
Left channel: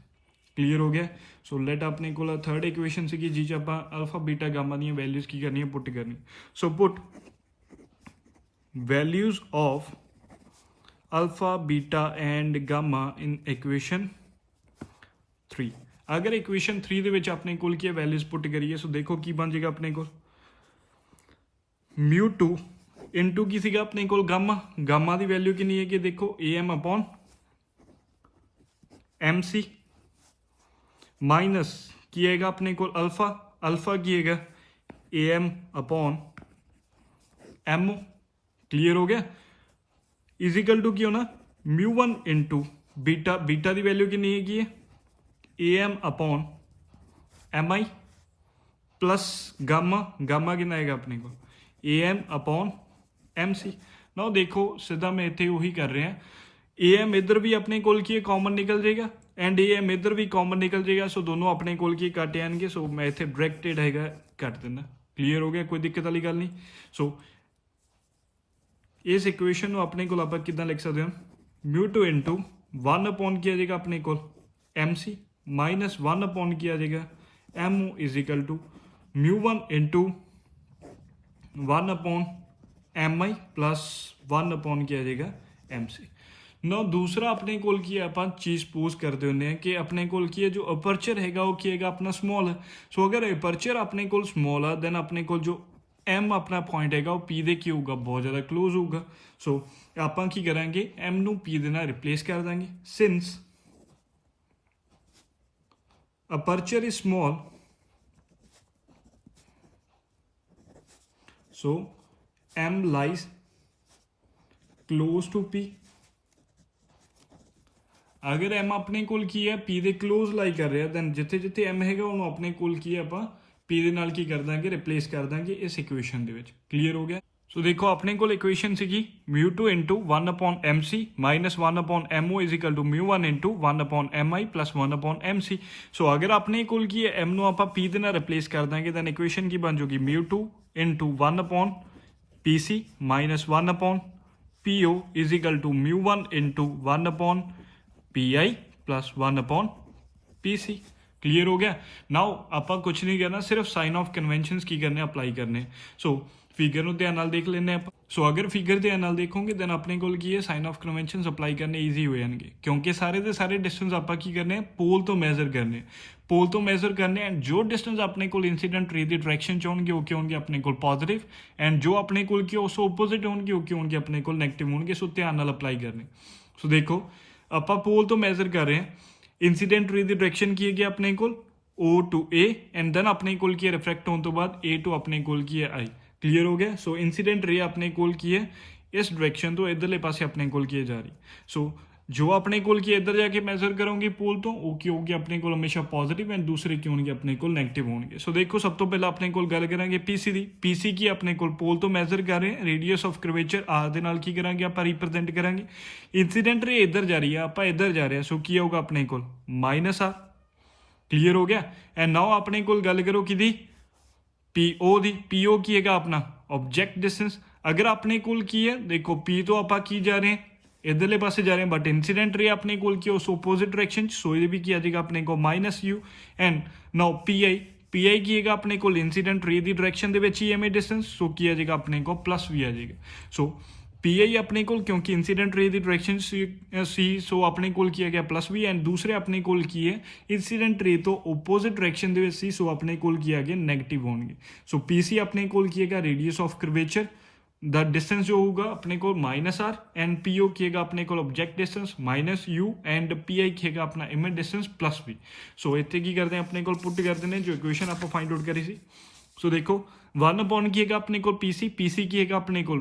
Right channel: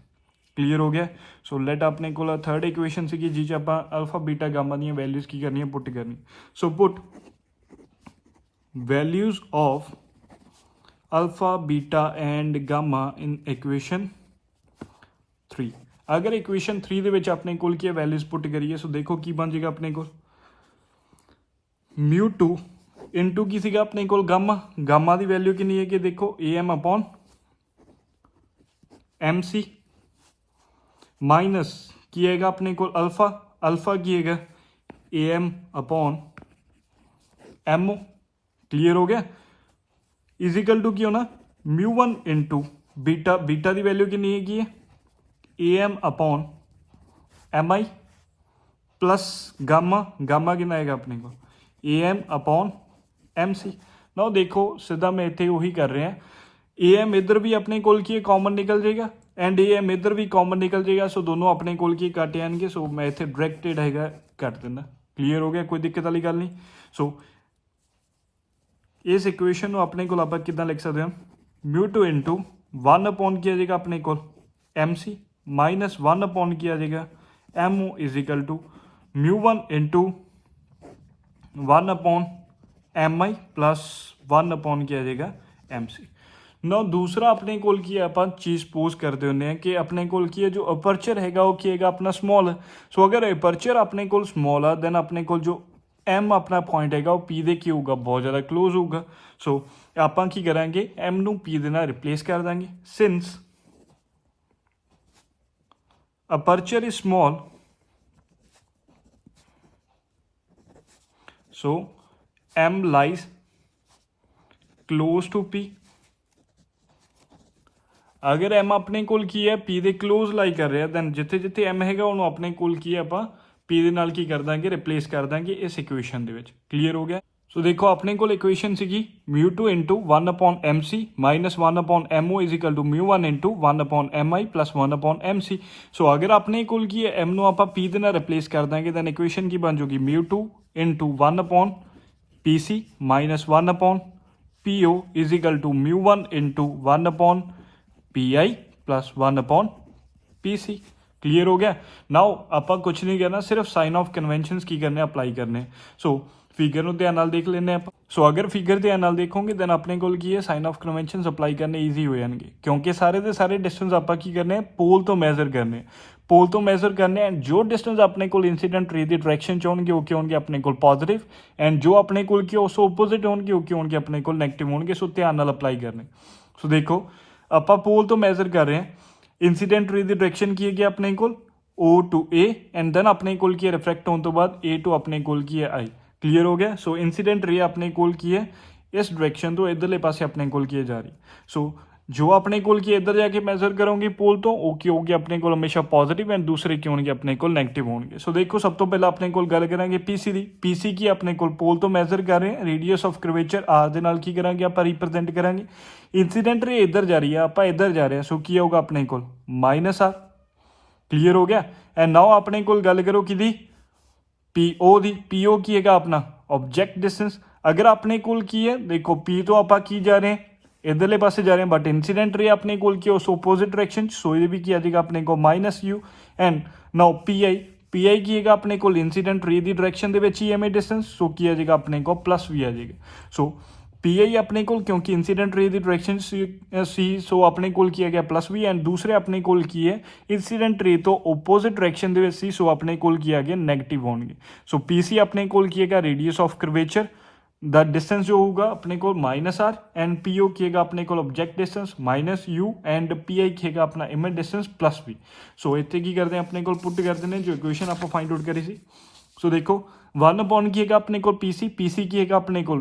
क्लीयर हो गया। सो लेट अपने को थर्ड इक्वेशन सी जी आप अल्फा बीटा गामा दी वैल्यूज की करनी है पुट करनी। So put values of alpha beta and gamma in equation 3। अगर इक्वेशन 3 ਦੇ ਵਿੱਚ ਆਪਣੇ ਕੋਲ ਕੀ ਵੈਲਿਊਜ਼ ਪੁੱਟ ਕਰੀਏ ਸੋ ਦੇਖੋ ਕੀ ਬਣ ਜਾਏਗਾ ਆਪਣੇ ਕੋਲ μ2 ਇਨਟੂ ਕੀ ਸੀਗਾ ਆਪਣੇ ਕੋਲ ਗਾਮਾ, ਗਾਮਾ ਦੀ ਵੈਲਿਊ ਕਿੰਨੀ ਹੈ ਕਿ ਦੇਖੋ am upon mc ਮਾਈਨਸ ਕੀ ਆਏਗਾ ਆਪਣੇ ਕੋਲ ਅਲਫਾ, ਅਲਫਾ ਕੀ ਹੈਗਾ am upon mo, क्लियर हो गया, इज इक्वल टू की होना μ1 इंटू बीटा, बीटा की वैल्यू कितनी हैगी है am upon mi plus gamma, gamma कितना आएगा अपने को am अपॉन mc। ना देखो सीधा मैं इतने उही कर रहे हैं am इधर भी अपने कोल की कॉमन निकल जाएगा एंड am इधर भी कॉमन निकल जाएगा सो दोनों अपने कोल की कट जाएंगे सो मैं इतने डायरेक्टेड हैगा कट देना, क्लीयर हो गया, कोई दिक्कत वाली गल नहीं। सो इस इक्वेशन को अपने को आप कितना लिख सकते हैं μ2 इंटू 1 अपॉन किया जाएगा अपने को mc माइनस 1 अपॉन किया जाएगा mo is equal to μ1 into 1 upon mi plus 1 upon किया जाएगा mc। ना दूसरा अपने कोल की आप चीज़ पोज करते होंगे कि अपने कोल की है जो अपर्चर हैगा वो की हैगा अपना स्मॉल है। सो अगर अपर्चर अपने कोल स्मॉल है देन अपने कोल जो एम अपना पॉइंट हैगा वो पी दे की होगा बहुत ज़्यादा क्लोज होगा। सो आप की करांगे एम नू पी दे नाल रिप्लेस कर देंगे since aperture is small so M lies close to P. अगर एम अपने कोल की है पी दे क्लोज लाई कर रहा दैन जिथे जिथे एम हैगा उन्होंने अपने कोल की है आप पी दे नाल की कर देंगे रिप्लेस कर देंगे इस इक्वेशन दे विच, क्लीयर हो गया। सो देखो अपने कोल इक्वेशन सीगी μ2 into 1 upon mc minus 1 upon mo is equal to μ1 into 1 upon mi plus 1 upon mc। So अगर अपने कोल की है m नू आप पी दे नाल रिप्लेस कर देंगे दैन इक्वेशन की बन जाएगी μ2 into 1 upon pc minus 1 upon po is equal to μ1 into 1 upon P plus 1 upon PC, clear हो गया। नाउ आप कुछ नहीं करना सिर्फ साइन ऑफ कन्वेंशन की करने अप्लाई करने। सो फिगर ਨੂੰ ਧਿਆਨ ਨਾਲ ਦੇਖ ਲੈਂਦੇ ਆਪਾਂ। ਸੋ ਅਗਰ ਫਿਗਰ ਧਿਆਨ ਨਾਲ ਦੇਖੋਗੇ ਦੈਨ ਆਪਣੇ ਕੋਲ ਕੀ ਹੈ ਸਾਈਨ ਆਫ ਕਨਵੈਂਸ਼ਨ ਅਪਲਾਈ ਕਰਨੇ ਈਜ਼ੀ ਹੋ ਜਾਣਗੇ ਕਿਉਂਕਿ ਸਾਰੇ ਦੇ ਸਾਰੇ ਡਿਸਟੈਂਸ ਆਪਾਂ ਕੀ ਕਰਨੇ ਪੋਲ ਤੋਂ ਮੈਜ਼ਰ ਕਰਨੇ, ਪੋਲ ਤੋਂ ਮੈਜ਼ਰ ਕਰਨੇ ਐਂਡ ਜੋ ਡਿਸਟੈਂਸ ਆਪਣੇ ਕੋਲ ਇਨਸੀਡੈਂਟ ਰੇ ਦੀ ਡਾਇਰੈਕਸ਼ਨ ਚ ਹੋਣਗੇ ਉਹ ਕੀ ਹੋਣਗੇ ਆਪਣੇ ਕੋਲ ਪੋਜ਼ਿਟਿਵ ਐਂਡ ਜੋ ਆਪਣੇ ਕੋਲ ਕੀ ਉਸ ਆਪੋਜ਼ਿਟ ਹੋਣਗੇ ਉਹ ਕੀ ਹੋਣਗੇ ਆਪਣੇ ਕੋਲ ਨੈਗੇਟਿਵ ਹੋਣਗੇ। ਸੋ ਧਿਆਨ ਨਾਲ ਅਪਲਾਈ ਕਰਨੇ। ਸੋ ਦੇਖੋ ਆਪਾਂ ਪੋਲ ਤੋਂ ਮੈਜ਼ਰ ਕਰ ਰਹੇ ਹਾਂ ਇਨਸੀਡੈਂਟ ਰੇ ਦੀ ਡਾਇਰੈਕਸ਼ਨ ਕੀ ਹੈਗੀ ਆਪਣੇ ਕੋਲ O to A and then ਆਪਣੇ ਕੋਲ ਕੀ ਹੈ ਰਿਫਰੈਕਟ ਹੋਣ ਤੋਂ ਬਾਅਦ A to ਆਪਣੇ ਕੋਲ ਕੀ ਹੈ I, क्लीयर हो गया। सो इंसीडेंट रे अपने कोल की है इस डायरेक्शन तो इधरले पासे अपने कोल की जा रही। सो जो अपने कोल की इधर जाके मैजर करोगे पोल तो वो की होगी अपने कोल हमेशा पॉजिटिव एंड दूसरे की होंगे अपने कोल नेगेटिव होंगे। सो देखो सब तो पहले अपने कोल गल करांगे पीसी दी, पीसी की अपने कोल पोल तो मैजर कर रहे हैं रेडियस ऑफ कर्वेचर आर दे नाल की करांगे आप रिप्रेजेंट करांगे इंसीडेंट रे इधर जा रही है आप इधर जा रहे हैं। सो की होगा अपने कोल माइनस आर, क्लीयर हो गया। एंड नाउ अपने कोल गल करो कि पीओ दी, पीओ की है अपना ऑब्जेक्ट डिस्टेंस। अगर अपने कोल की है देखो पी तो आप की जा रहे हैं इधरले पासे जा रहे हैं बट इंसीडेंट रे अपने कोल की उस ऑपोजिट डायरेक्शन सो ये भी किया जाएगा अपने को minus U and now PI, PI की है अपने कोल इंसीडेंट रे दी डायरेक्शन दे विच ही एम डिस्टेंस सो किया जाएगा अपने को प्लस वी आ जाएगा। सो पीआई अपने कोल क्योंकि इंसीडेंट रे दी डायरेक्शन सी सो अपने कोल किया गया प्लस वी एंड दूसरे अपने कोल की है इंसीडेंट रे तो ओपोजिट डायरेक्शन दे विच सी सो अपने कोल किया गया नेगेटिव होंगे। सो पीसी अपने कोल किएगा radius of curvature the distance जो होगा अपने को माइनस आर एंड पीओ किएगा अपने को object distance minus U and PI किएगा अपना image distance plus V. So इतने की करते हैं अपने को पुट करते हैं जो इक्वेशन आप फाइंड आउट करी सी। सो देखो 1 अपॉन किएगा अपने को पीसी, पीसी किएगा अपने को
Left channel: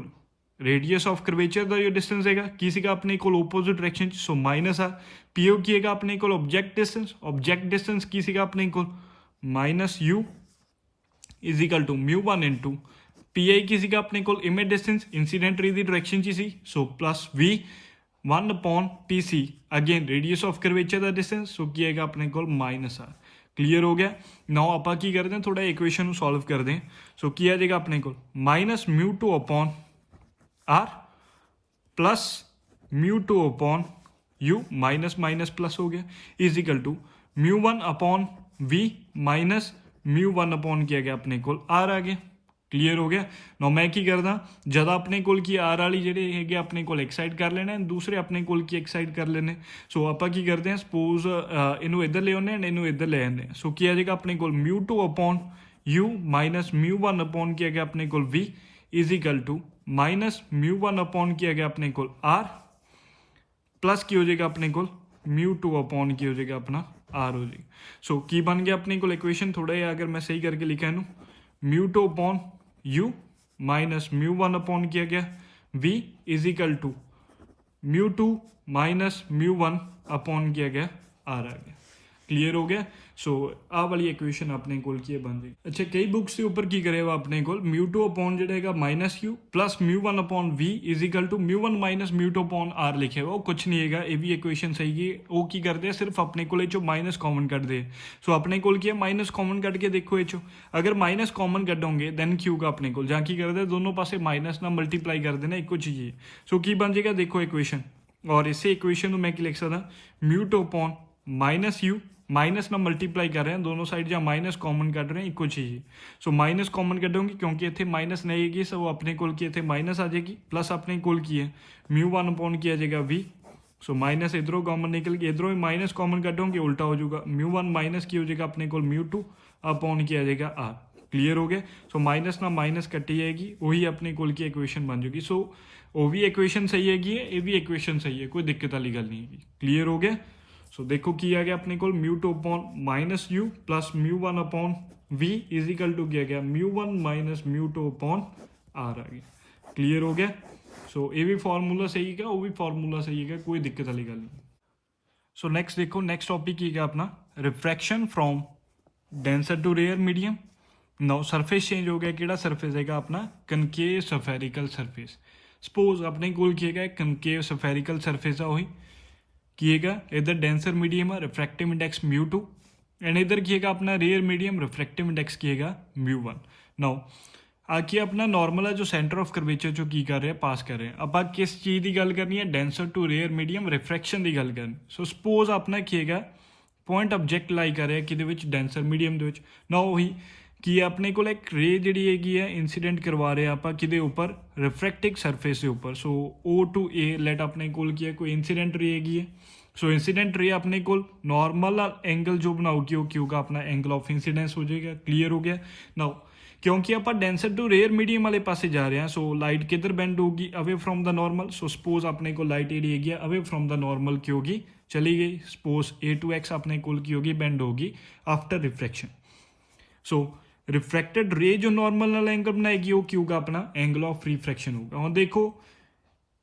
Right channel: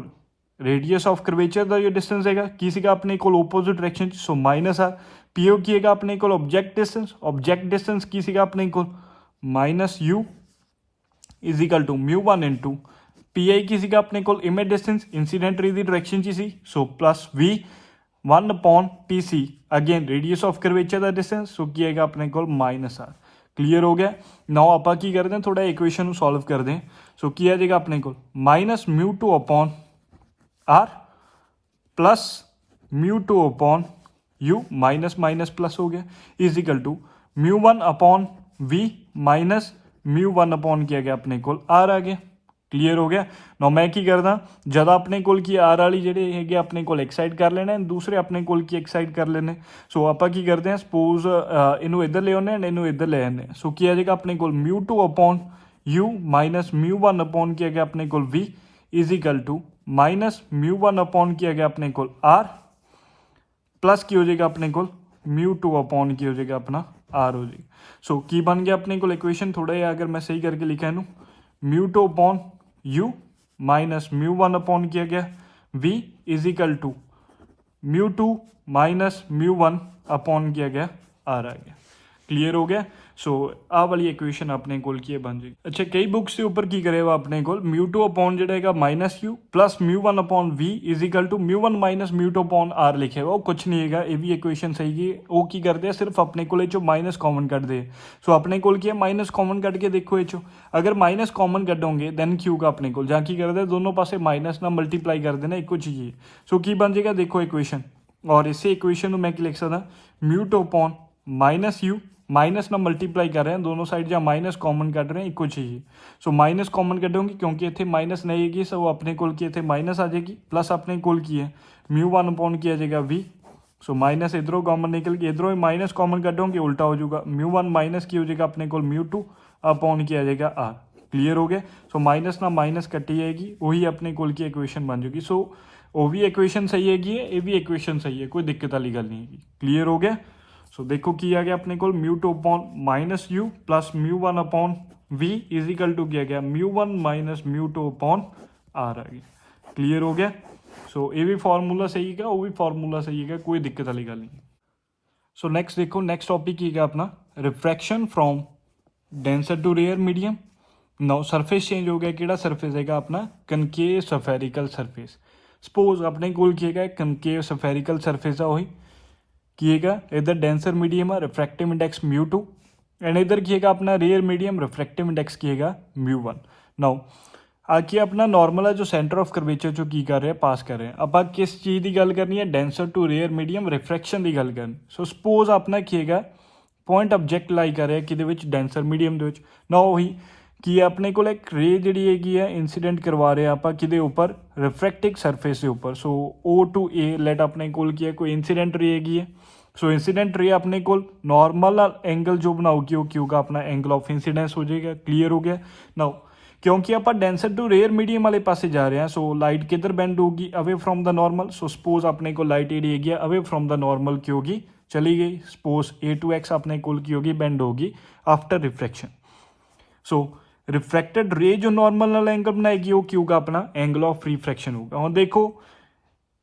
रेडियस ऑफ कर्वेचर का जो डिस्टेंस है की सीगा अपने को opposite direction so minus R, PO की है अपने को ऑब्जेक्ट डिस्टेंस, ऑब्जेक्ट डिस्टेंस की सीगा अपने को minus U is equal to μ1 into PI की सीगा अपने को इमेज डिस्टेंस इंसीडेंट रे दी डायरेक्शन ची सी so plus V 1 upon PC again radius of curvature का डिस्टेंस सो की है अपने को माइनस आर, क्लीयर हो गया। नाउ आप की करते हैं थोड़ा इक्वेशन सॉल्व कर दें। सो की आ जाएगा अपने को minus μ2 upon R plus μ2 upon U minus minus plus हो गया is equal to μ1 upon V minus μ1 upon किया गया अपने को आर आ गया, क्लीयर हो गया। ना मैं की करदा जद अपने कोल की आर वाली ਜਿਹੜੇ ਹੈਗੇ ਆਪਣੇ ਕੋਲ ਇੱਕ ਸਾਈਡ ਕਰ ਲੈਣੇ ਦੂਸਰੇ ਆਪਣੇ ਕੋਲ ਕੀ ਇੱਕ ਸਾਈਡ ਕਰ ਲੈਣੇ। ਸੋ ਆਪਾਂ ਕੀ ਕਰਦੇ ਹਾਂ ਸਪੋਜ਼ ਇਹਨੂੰ ਇੱਧਰ ਲੈ ਆਉਂਦੇ ਹਾਂ ਇਹਨੂੰ ਇੱਧਰ ਲੈ ਆਉਂਦੇ ਹਾਂ। ਸੋ ਕੀ ਆ ਜਾਏਗਾ ਆਪਣੇ ਕੋਲ μ2 ਅਪੋਨ u ਮਾਈਨਸ μ1 ਅਪੋਨ ਕੀ ਹੈਗਾ ਆਪਣੇ ਕੋਲ v is equal to minus μ1 upon ਕੀ ਹੈਗਾ ਆਪਣੇ ਕੋਲ r प्लस की हो जाएगा अपने को μ2 अपॉन की हो जाएगा अपना r हो जाएगा। सो की बन गया अपने को इक्वेशन थोड़ा या अगर मैं सही करके लिखा है μ2 अपॉन u माइनस μ1 अपॉन किया गया v is equal to μ2 minus μ1 upon किया गया r आ गया। क्लियर हो गया। सो आ वाली इक्वेशन अपने कोल की बन जाएगी। अच्छा कई बुक्स के ऊपर की करेगा अपने कोल μ2 अपॉन जड़ेगा minus u plus μ1 upon v is equal to μ1 minus μ2 upon r लिखेगा वो कुछ नहीं है ये भी इक्वेशन सही है। वो की करते हैं सिर्फ अपने को चो माइनस कॉमन कट दे। सो अपने कोल की माइनस कॉमन कट के देखो ये चो अगर माइनस कॉमन कटोगे दैन क्यू का अपने को जहाँ की करते हैं दोनों पासे माइनस ना मल्टीप्लाई कर देना एक चीज है। सो की बन जाएगा देखो इक्वेशन और इसे इक्वेशन मैं लिख सकता μ2 अपॉन माइनस u माइनस ना मल्टीप्लाई कर रहे हैं दोनों साइड जहाँ माइनस कॉमन कट रहे हैं एक चाहिए। सो माइनस कॉमन कटोगे क्योंकि इतने माइनस नहीं है सो अपने कोल की इतने माइनस आ जाएगी प्लस अपने कोल की है μ1 अपॉन किया जाएगा v। सो माइनस इधरों कॉमन निकल के इधरों माइनस कॉमन कटोगे उल्टा हो जाएगा μ1 माइनस की हो जाएगा अपने कोल μ2 अपॉन किया जाएगा r। क्लियर हो गया। सो माइनस ना माइनस कटी जाएगी वही अपने कोल की इक्वेशन बन जाएगी। सो वो भी इक्वेशन सही हैगी ये भी इक्वेशन सही है कोई दिक्कत वाली गल नहीं है। क्लियर हो गया। सो देखो की आ गया अपने को μ2 upon minus u plus μ1 upon v is equal to किया गया μ1 माइनस μ2 अपॉन r आ गया। क्लियर हो गया। सो ये भी फार्मूला सही है वो भी फार्मूला सही है कोई दिक्कत वाली गल नहीं। सो नेक्स्ट देखो नेक्स्ट टॉपिक की है अपना refraction from denser to rare medium. Now surface change हो गया कि सरफेस है अपना कनकेव सफेरिकल सरफेस। सपोज अपने कोल की है कनकेव सफेरिकल सरफेस है वही की है इधर डेंसर मीडियम है रिफ्रैक्टिव इंडेक्स μ2 एंड इधर की है अपना रेयर मीडियम रिफ्रैक्टिव इंडेक्स की है μ1। नाउ आके अपना नॉर्मल है जो सेंटर ऑफ कर्वेचर जो की कर रहे हैं पास कर रहे हैं अब किस चीज़ की गल करनी है denser to rare medium refraction की गल करनी। सो सपोज अपना की है पॉइंट ऑब्जेक्ट लाई कर रहा है कि डेंसर मीडियम ना वही कि अपने को एक रे जी है इंसीडेंट करवा रहे हैं आप कि ऊपर रिफ्रैक्टिव सरफेस के ऊपर। सो O2A लेट अपने को की है कोई इंसीडेंट रे है। सो इंसीडेंट रे अपने को नॉर्मल एंगल जो बनाओगी वो क्यों का अपना एंगल ऑफ इंसीडेंस हो जाएगा। क्लियर हो गया। नाउ क्योंकि आप डेंसर टू रेयर मीडियम वाले पासे जा रहे हैं सो लाइट किधर बेंड होगी away from the normal. So suppose अपने को लाइट एडी है अवे फ्रॉम द नॉर्मल की होगी चली गई सपोज A2x अपने को की होगी बेंड होगी आफ्टर रिफ्रैक्शन। सो रिफ्रैक्टेड रे जो नॉर्मल एंगल बनाएगी वो क्यों का अपना एंगल ऑफ रिफ्रैक्शन होगा। और देखो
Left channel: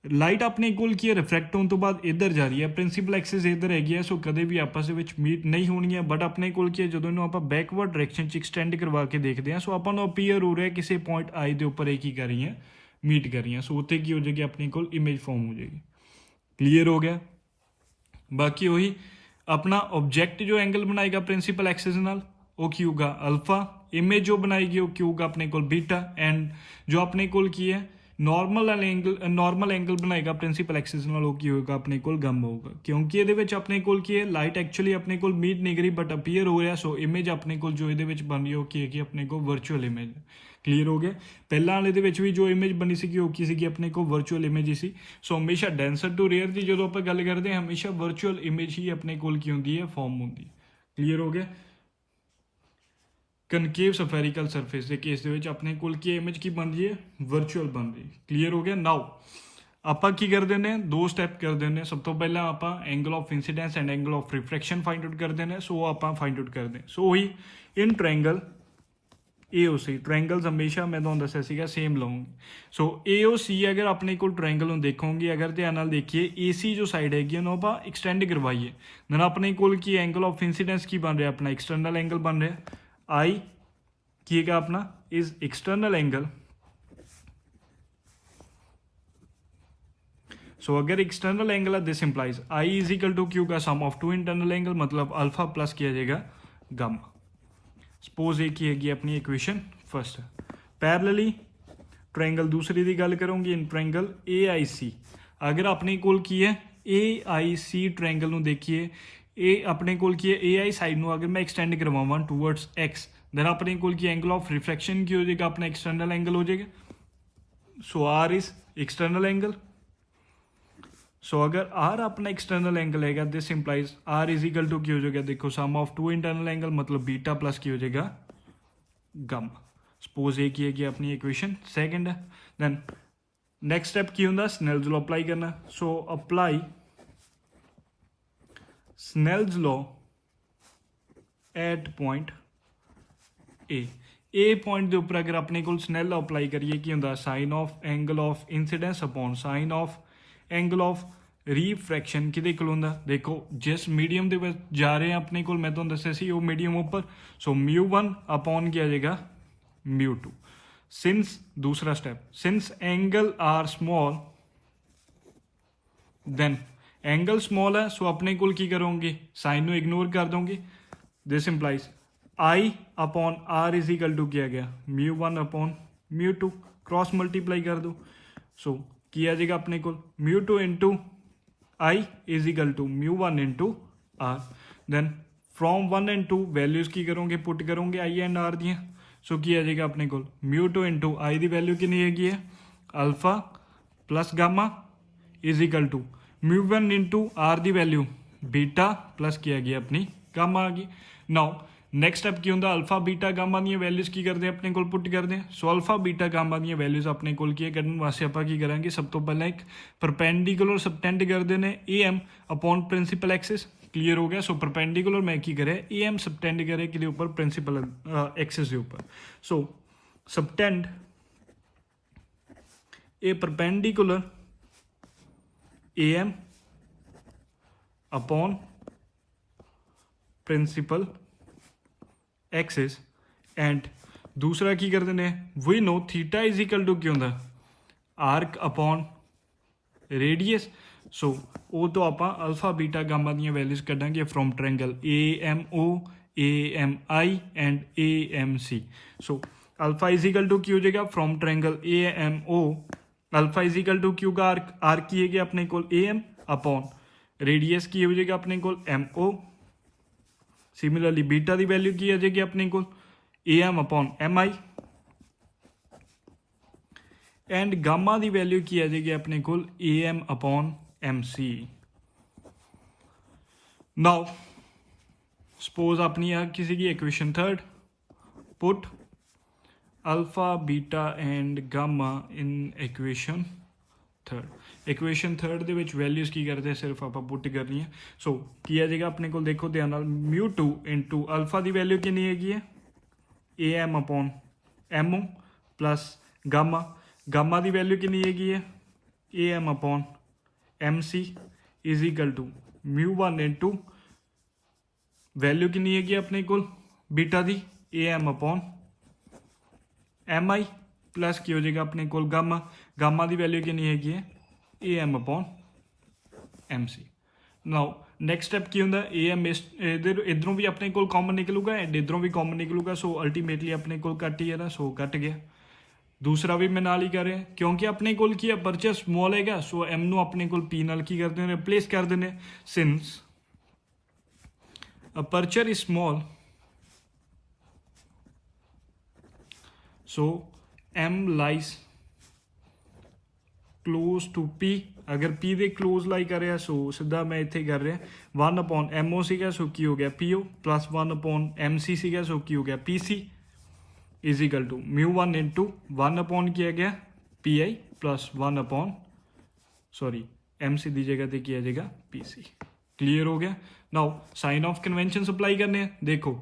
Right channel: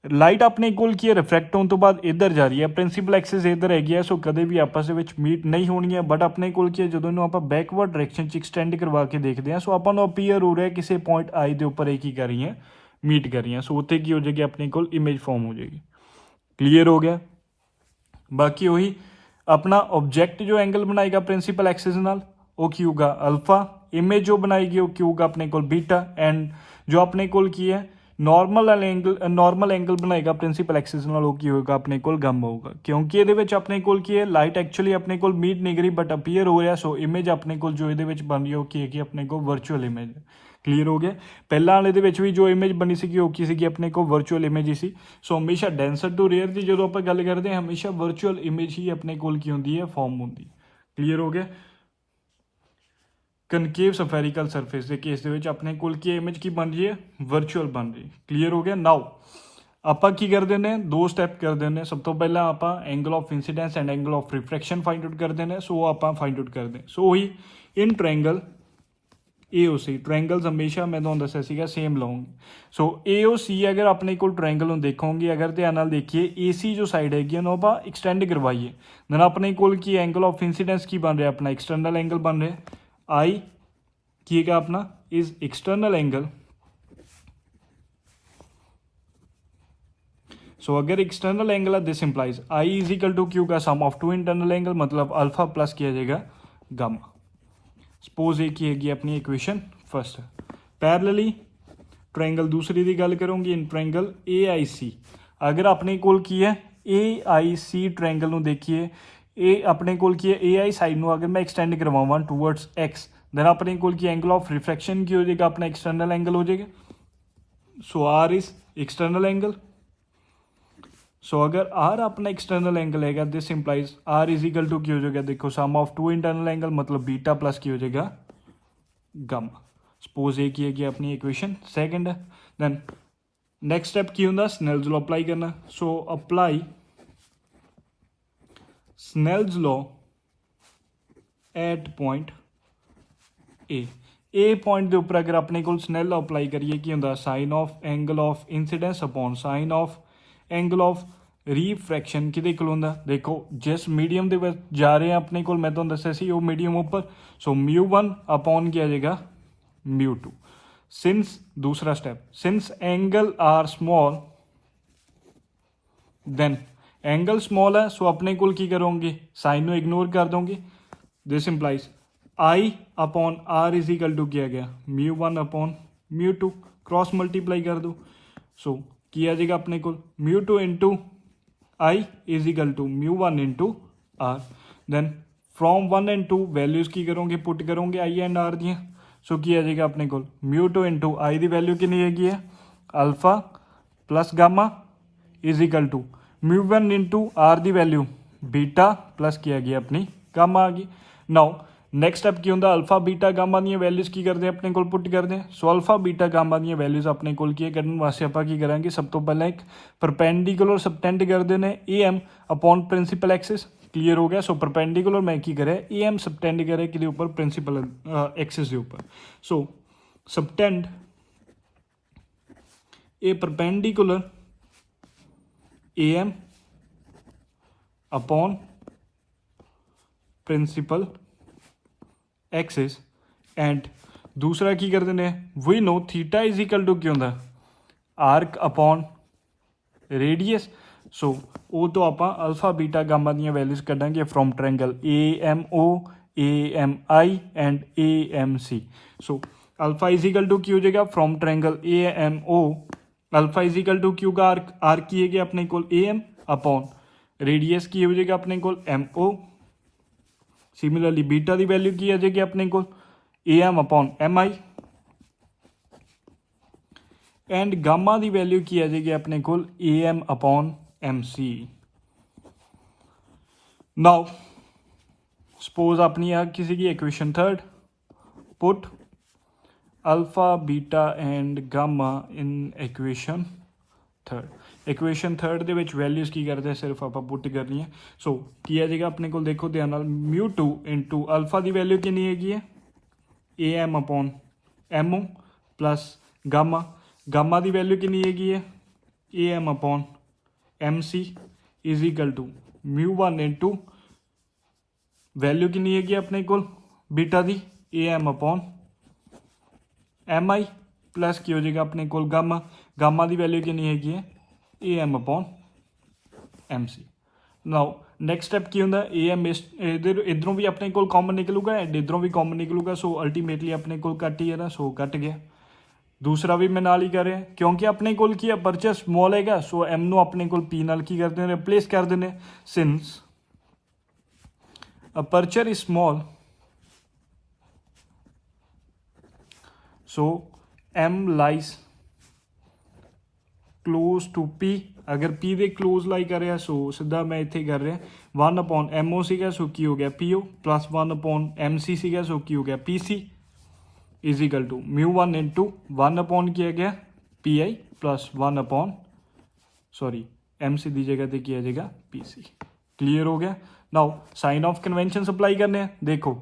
लाइट अपने कोल की रिफ्रैक्ट होने तो बाद इधर जा रही है प्रिंसीपल एक्सिस इधर है सो कदे भी आपस मीट नहीं होनी है बट अपने कोल की जो आप बैकवर्ड डायरेक्शन एक्सटेंड करवा के देखते हैं सो अपन अपीयर हो रहा है किसी पॉइंट आई के उपर एक ही कर रही है मीट कर रही है। सो उत्ते की हो जाएगी अपने को इमेज फॉर्म हो जाएगी। क्लियर हो गया। बाकी वही अपना ऑब्जेक्ट जो एंगल बनाएगा प्रिंसीपल एक्सिस नाल वो की होगा अल्फा इमेज जो बनाएगी वो की होगा अपने को बीटा एंड जो अपने को की है नॉर्मल एंगल बनाएगा प्रिंसीपल एक्सिस नाल वो की होगा अपने को गामा होगा क्योंकि ये अपने को की है लाइट एक्चुअली अपने को मीट नहीं करी बट अपीयर हो रहा। सो इमेज अपने को जो ये बन रही है वो की है अपने को वर्चुअल इमेज। क्लीयर हो गया। पहला वाले भी जो इमेज बनी सी वो की सी अपने को वर्चुअल इमेज ही सी। सो हमेशा डेंसर टू रेयर की जो आप गल करते हैं हमेशा वर्चुअल इमेज ही अपने को की होंगी है फॉर्म होंगी। क्लीयर हो गया। कनकेव सफेरिकल सरफेस के केस अपने को की इमेज की बन रही है वर्चुअल बन रही। क्लीयर हो गया। नाउ आप की कर देने दो स्टैप कर देने सब तो पहला आप angle of incidence and angle of refraction find out कर देने। सो आप फाइंड आउट कर दें। सो वही इन ट्रायंगल AOC ट्रायंगल्स हमेशा मैं तो दसिया सेम लाऊंगी। सो AOC अगर अपने को ट्रायंगल देखोगे अगर ध्यान नाल देखिए AC जो साइड हैगी ना आप एक्सटेंड करवाइए देन अपने को की एंगल ऑफ इंसीडेंस की बन रहा है अपना एक्सटर्नल एंगल बन रहा है I की है अपना इज एक्सटर्नल एंगल। सो अगर एक्सटर्नल एंगल है this implies I is equal to क्यू का sum of two internal angle मतलब अल्फा प्लस किया जाएगा गामा। सपोज ये की हैगी अपनी इक्वेशन फर्स्ट। पैरेलली ट्रायंगल दूसरी की गल करूँगी इन ट्रायंगल AIC अगर अपने को की है AIC ट्रायंगल देखिए ए अपने को की है AI साइड में अगर मैं एक्सटेंड करवावां टूवर्ड्स X देन अपने कोल की एंगल ऑफ रिफ्रैक्शन की हो जाएगा अपना एक्सटर्नल एंगल हो जाएगा। So R is external angle. So अगर आर अपना एक्सटर्नल एंगल है this implies R is equal to की हो जाएगा, देखो sum of two internal angle मतलब बीटा प्लस की हो जाएगा गामा। सपोज ये की है अपनी इक्वेशन सेकंड है। देन नेक्स्ट स्टेप की होंगे स्नेल्स लॉ अप्लाई करना। So apply Snell's law at point A point के उपर अगर अपने को स्नेल लॉ अप्लाई करिए की होंगे sine of angle of incidence upon sine of angle of refraction कि होंगे, देखो जिस मीडियम के विच जा रहे हैं अपने को मैं तुहानूं दस्सिया सी वो मीडियम उपर। सो μ1 अपॉन क्या आ जाएगा μ2। सिंस दूसरा step since angle are small then angle small है सो अपने को की करोगे साइन को इग्नोर कर दोगे। This implies I upon R is equal to किया गया μ1 अपॉन μ2 क्रॉस मल्टीप्लाई कर दो। सो किया जाएगा अपने को μ2 into I is equal to μ1 into R. Then from 1 and 2 values की करोगे पुट करोगे आई एंड आर दियाँ। सो किया जाएगा अपने को μ2 इंटू आई की वैल्यू कितनी है alpha plus gamma is equal to μ1 into R की वैल्यू बीटा प्लस किया गया अपनी गामा आ गई। नाउ नेक्स्ट स्टेप की होंगे अल्फा बीटा गामा दी वैल्यूज की करते हैं अपने को पुट करते हैं। सो अल्फा बीटा गामा दी वैल्यूज अपने को कढ़ने वास्ते आप की करेंगे सब तो पहले एक परपेंडिकुलर सबटेंड करते हैं A M upon principal axis. Clear हो गया। सो परपेंडिकुलर मैं की करे ए एम सबटेंड करे कि ऊपर प्रिंसीपल एक्सिस के ऊपर। So subtend a perpendicular A M upon principal axis and दूसरा की करते हैं we know theta is equal to क्या होंगे आर्क अपॉन रेडियस। सो वो तो आप अल्फा बीटा गामा दी वैल्यूज कढ़ांगे from triangle AMO AMI and AMC। So alpha is equal to की हो जाएगा from triangle AMO alpha is equal to क्यू का आर्क की है अपने को AM अपॉन रेडियस की हो जाएगा अपने को MO। सिमिलरली बीटा की वैल्यू की आ जाएगी अपने को AM upon MI and gamma की वैल्यू की आ जाएगी अपने को AM upon MC। Now suppose अपनी आ किसी की equation third put alpha beta and gamma in equation third. Equation third के वैल्यूज की करते हैं सिर्फ आप पुट करनी है। सो की आ जाएगा अपने को देखो ध्यान μ2 इंटू अल्फा की वैल्यू कितनी है AM upon MO plus gamma gamma की वैल्यू कितनी है AM upon MC is equal to μ1 into value कितनी है अपने को बीटा की AM अपॉन MI प्लस की हो जाएगा अपने को गामा गामा की वैल्यू कितनी है AM upon MC। Now next step की होंगे AM इधरों भी अपने को कॉमन निकलूगा एंड इधरों भी कॉमन निकलूगा। सो अल्टीमेटली अपने को कट ही है ना, सो कट गया। दूसरा भी मैं नाल ही कर रहे हैं क्योंकि अपने को की अपर्चर स्मॉल है। सो M नो अपने को P नाल की करते हैं रिप्लेस कर देने। Since aperture is small so M lies close to P। अगर P दे क्लोज लाई कर रहा सो सीधा मैं इतने कर रहा 1 अपॉन MO सीगा सो की हो गया PO प्लस 1 अपॉन MC सीगा सो की हो गया PC is equal to μ1 into 1 upon किया गया PI प्लस 1 अपॉन MC की जगह पे किया जाएगा PC। क्लियर हो गया। Now sine of convention apply करने हैं। देखो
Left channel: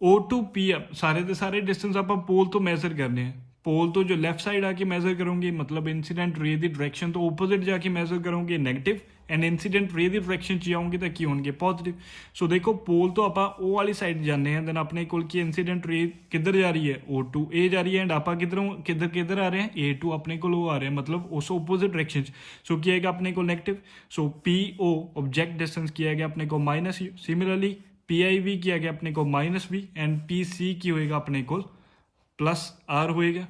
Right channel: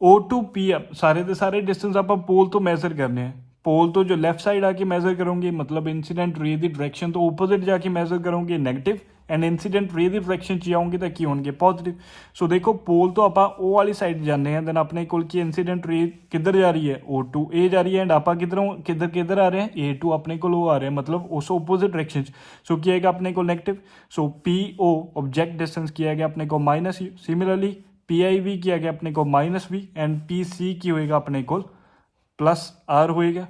O टू P सारे के सारे डिस्टेंस आप पोल तो मैजर करने हैं। पोल तो जो लेफ्ट साइड आके मेजर करोगे मतलब इंसीडेंट रे की डायरेक्शन तो ओपोजिट जाके मेजर करोगे नेगेटिव एंड इंसीडेंट रे की डायरेक्शन च आओगे तो की होंगे पॉजिटिव। सो देखो पोल तो आप ओ वाली साइड जाने हैं देन अपने को इंसीडेंट रे किधर जा रही है O टू A जा रही है एंड आप किधरों किधर किधर आ रहे हैं A टू अपने को आ रहे हैं मतलब उस ओपोजिट डायरेक्शन। सो किया गया अपने को नेगेटिव। सो PO ऑब्जेक्ट डिस्टेंस किया गया अपने को माइनस। सिमिलरली PIV किया गया अपने को -V एंड PC की होएगा अपने को +R होएगा।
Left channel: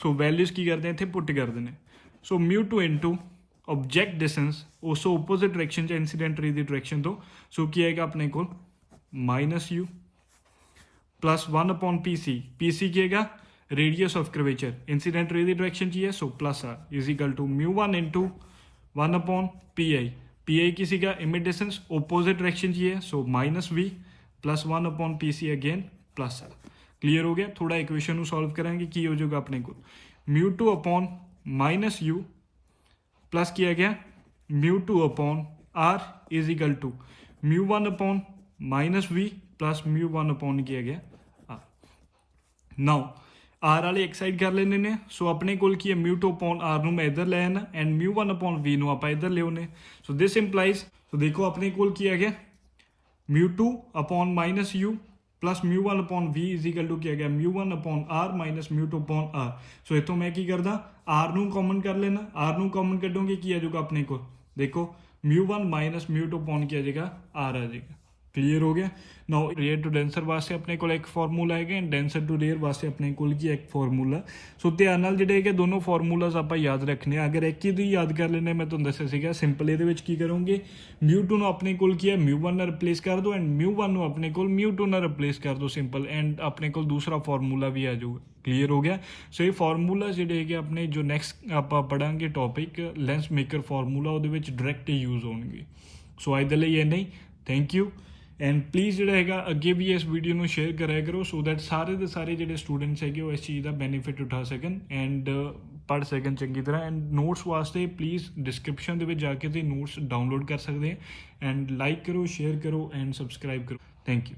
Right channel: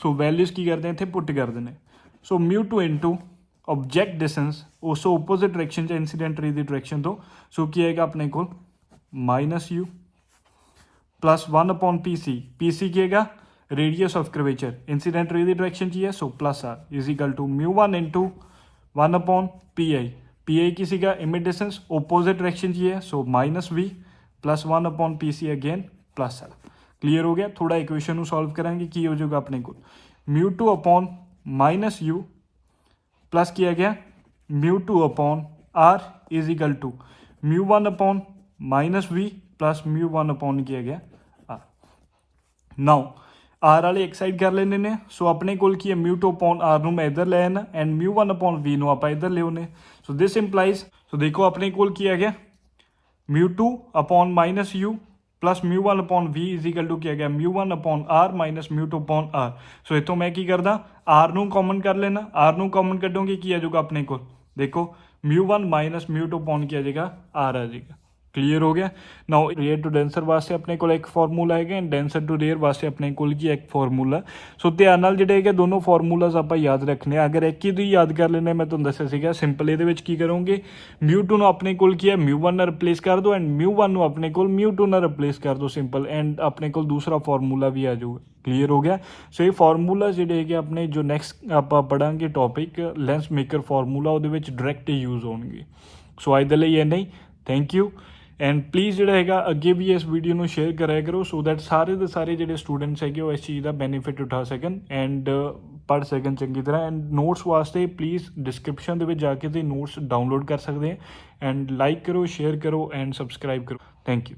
सो वैल्यूज की करते हैं थे पुट कर देने। सो μ2 इंटू ऑब्जेक्ट डिस्टेंस उस ओपोजिट डायरेक्शन इंसीडेंट रे की डायरेक्शन तो सो की आएगा अपने को -U plus 1 upon P C की हैगा रेडियस ऑफ कर्वेचर इंसीडेंट रे की डायरेक्शन की है, so plus R is equal to μ1 into 1 upon P I की सीगा इमेज डिस्टेंस ओपोजिट डायरेक्शन की है, so minus V plus 1 upon P C again plus R. Clear हो गया। थोड़ा इक्वेशन ਨੂੰ सॉल्व करेंगे की हो जाएगा अपने को μ2 अपॉन माइनस यू प्लस किया गया μ2 upon R is equal to μ1 upon minus V plus μ1 upon किया गया आर। नाउ आर वाले एक साइड कर लेने ने, सो अपने कोल की है μ2 अपॉन आर मैं इधर ले आना एंड μ1 अपॉन वी आप इधर ले आने, सो दिस इंप्लाइज सो देखो अपने कोल की है गया μ2 upon minus U plus μ1 upon V is equal to किया गया μ1 upon R minus μ2 upon R. So इतों मैं की करदा आर नू कॉमन कर लेना, आर नू कॉमन कटोगे की आ जाएगा अपने को देखो μ1 माइनस μ2 अपॉन किया जाएगा आर आ जाएगा। क्लीयर हो गया। नाउ रेयर टू डेंसर वास्ते अपने को एक फॉर्मूला है एंड डेंसर टू रेयर वास्ते अपने को एक फॉर्मूला। सो ध्यान नाल जिहड़े है दोनों फॉर्मूलाज आप याद रखने, अगर एक ही याद कर लेने मैं तुहानूं दस्सिया सीगा सिंपल ये की करोगे μ2 नूं अपने को की है μ1 नाल रिप्लेस कर दो एंड μ1 नूं अपने को μ2 नाल रिप्लेस कर दो सिंपल एंड अपने को दूसरा फॉर्मूला भी आ जाऊगा। क्लीयर हो गया। सो ये फॉर्मूला जिहड़े है अपने जो नैक्सट आप पढ़ांगे टॉपिक लेंस मेकर फॉर्मूला वो डायरैक्ट यूज होंगे। सो अज दे लई इन्ना ही, थैंक यू एंड प्लीज़ जो है अगे भी इस वीडियो में शेयर कराया करो सो दैट सारे के सारे जो स्टूडेंट्स है वो इस चीज़ का बेनीफिट उठा सकन एंड पढ़ सकन चंगी तरह। एंड नोट्स वास्ते प्लीज़ डिस्क्रिप्शन के जाके नोट्स डाउनलोड कर सकते हैं एंड लाइक करो शेयर करो एंड सबसक्राइब करो। Thank you.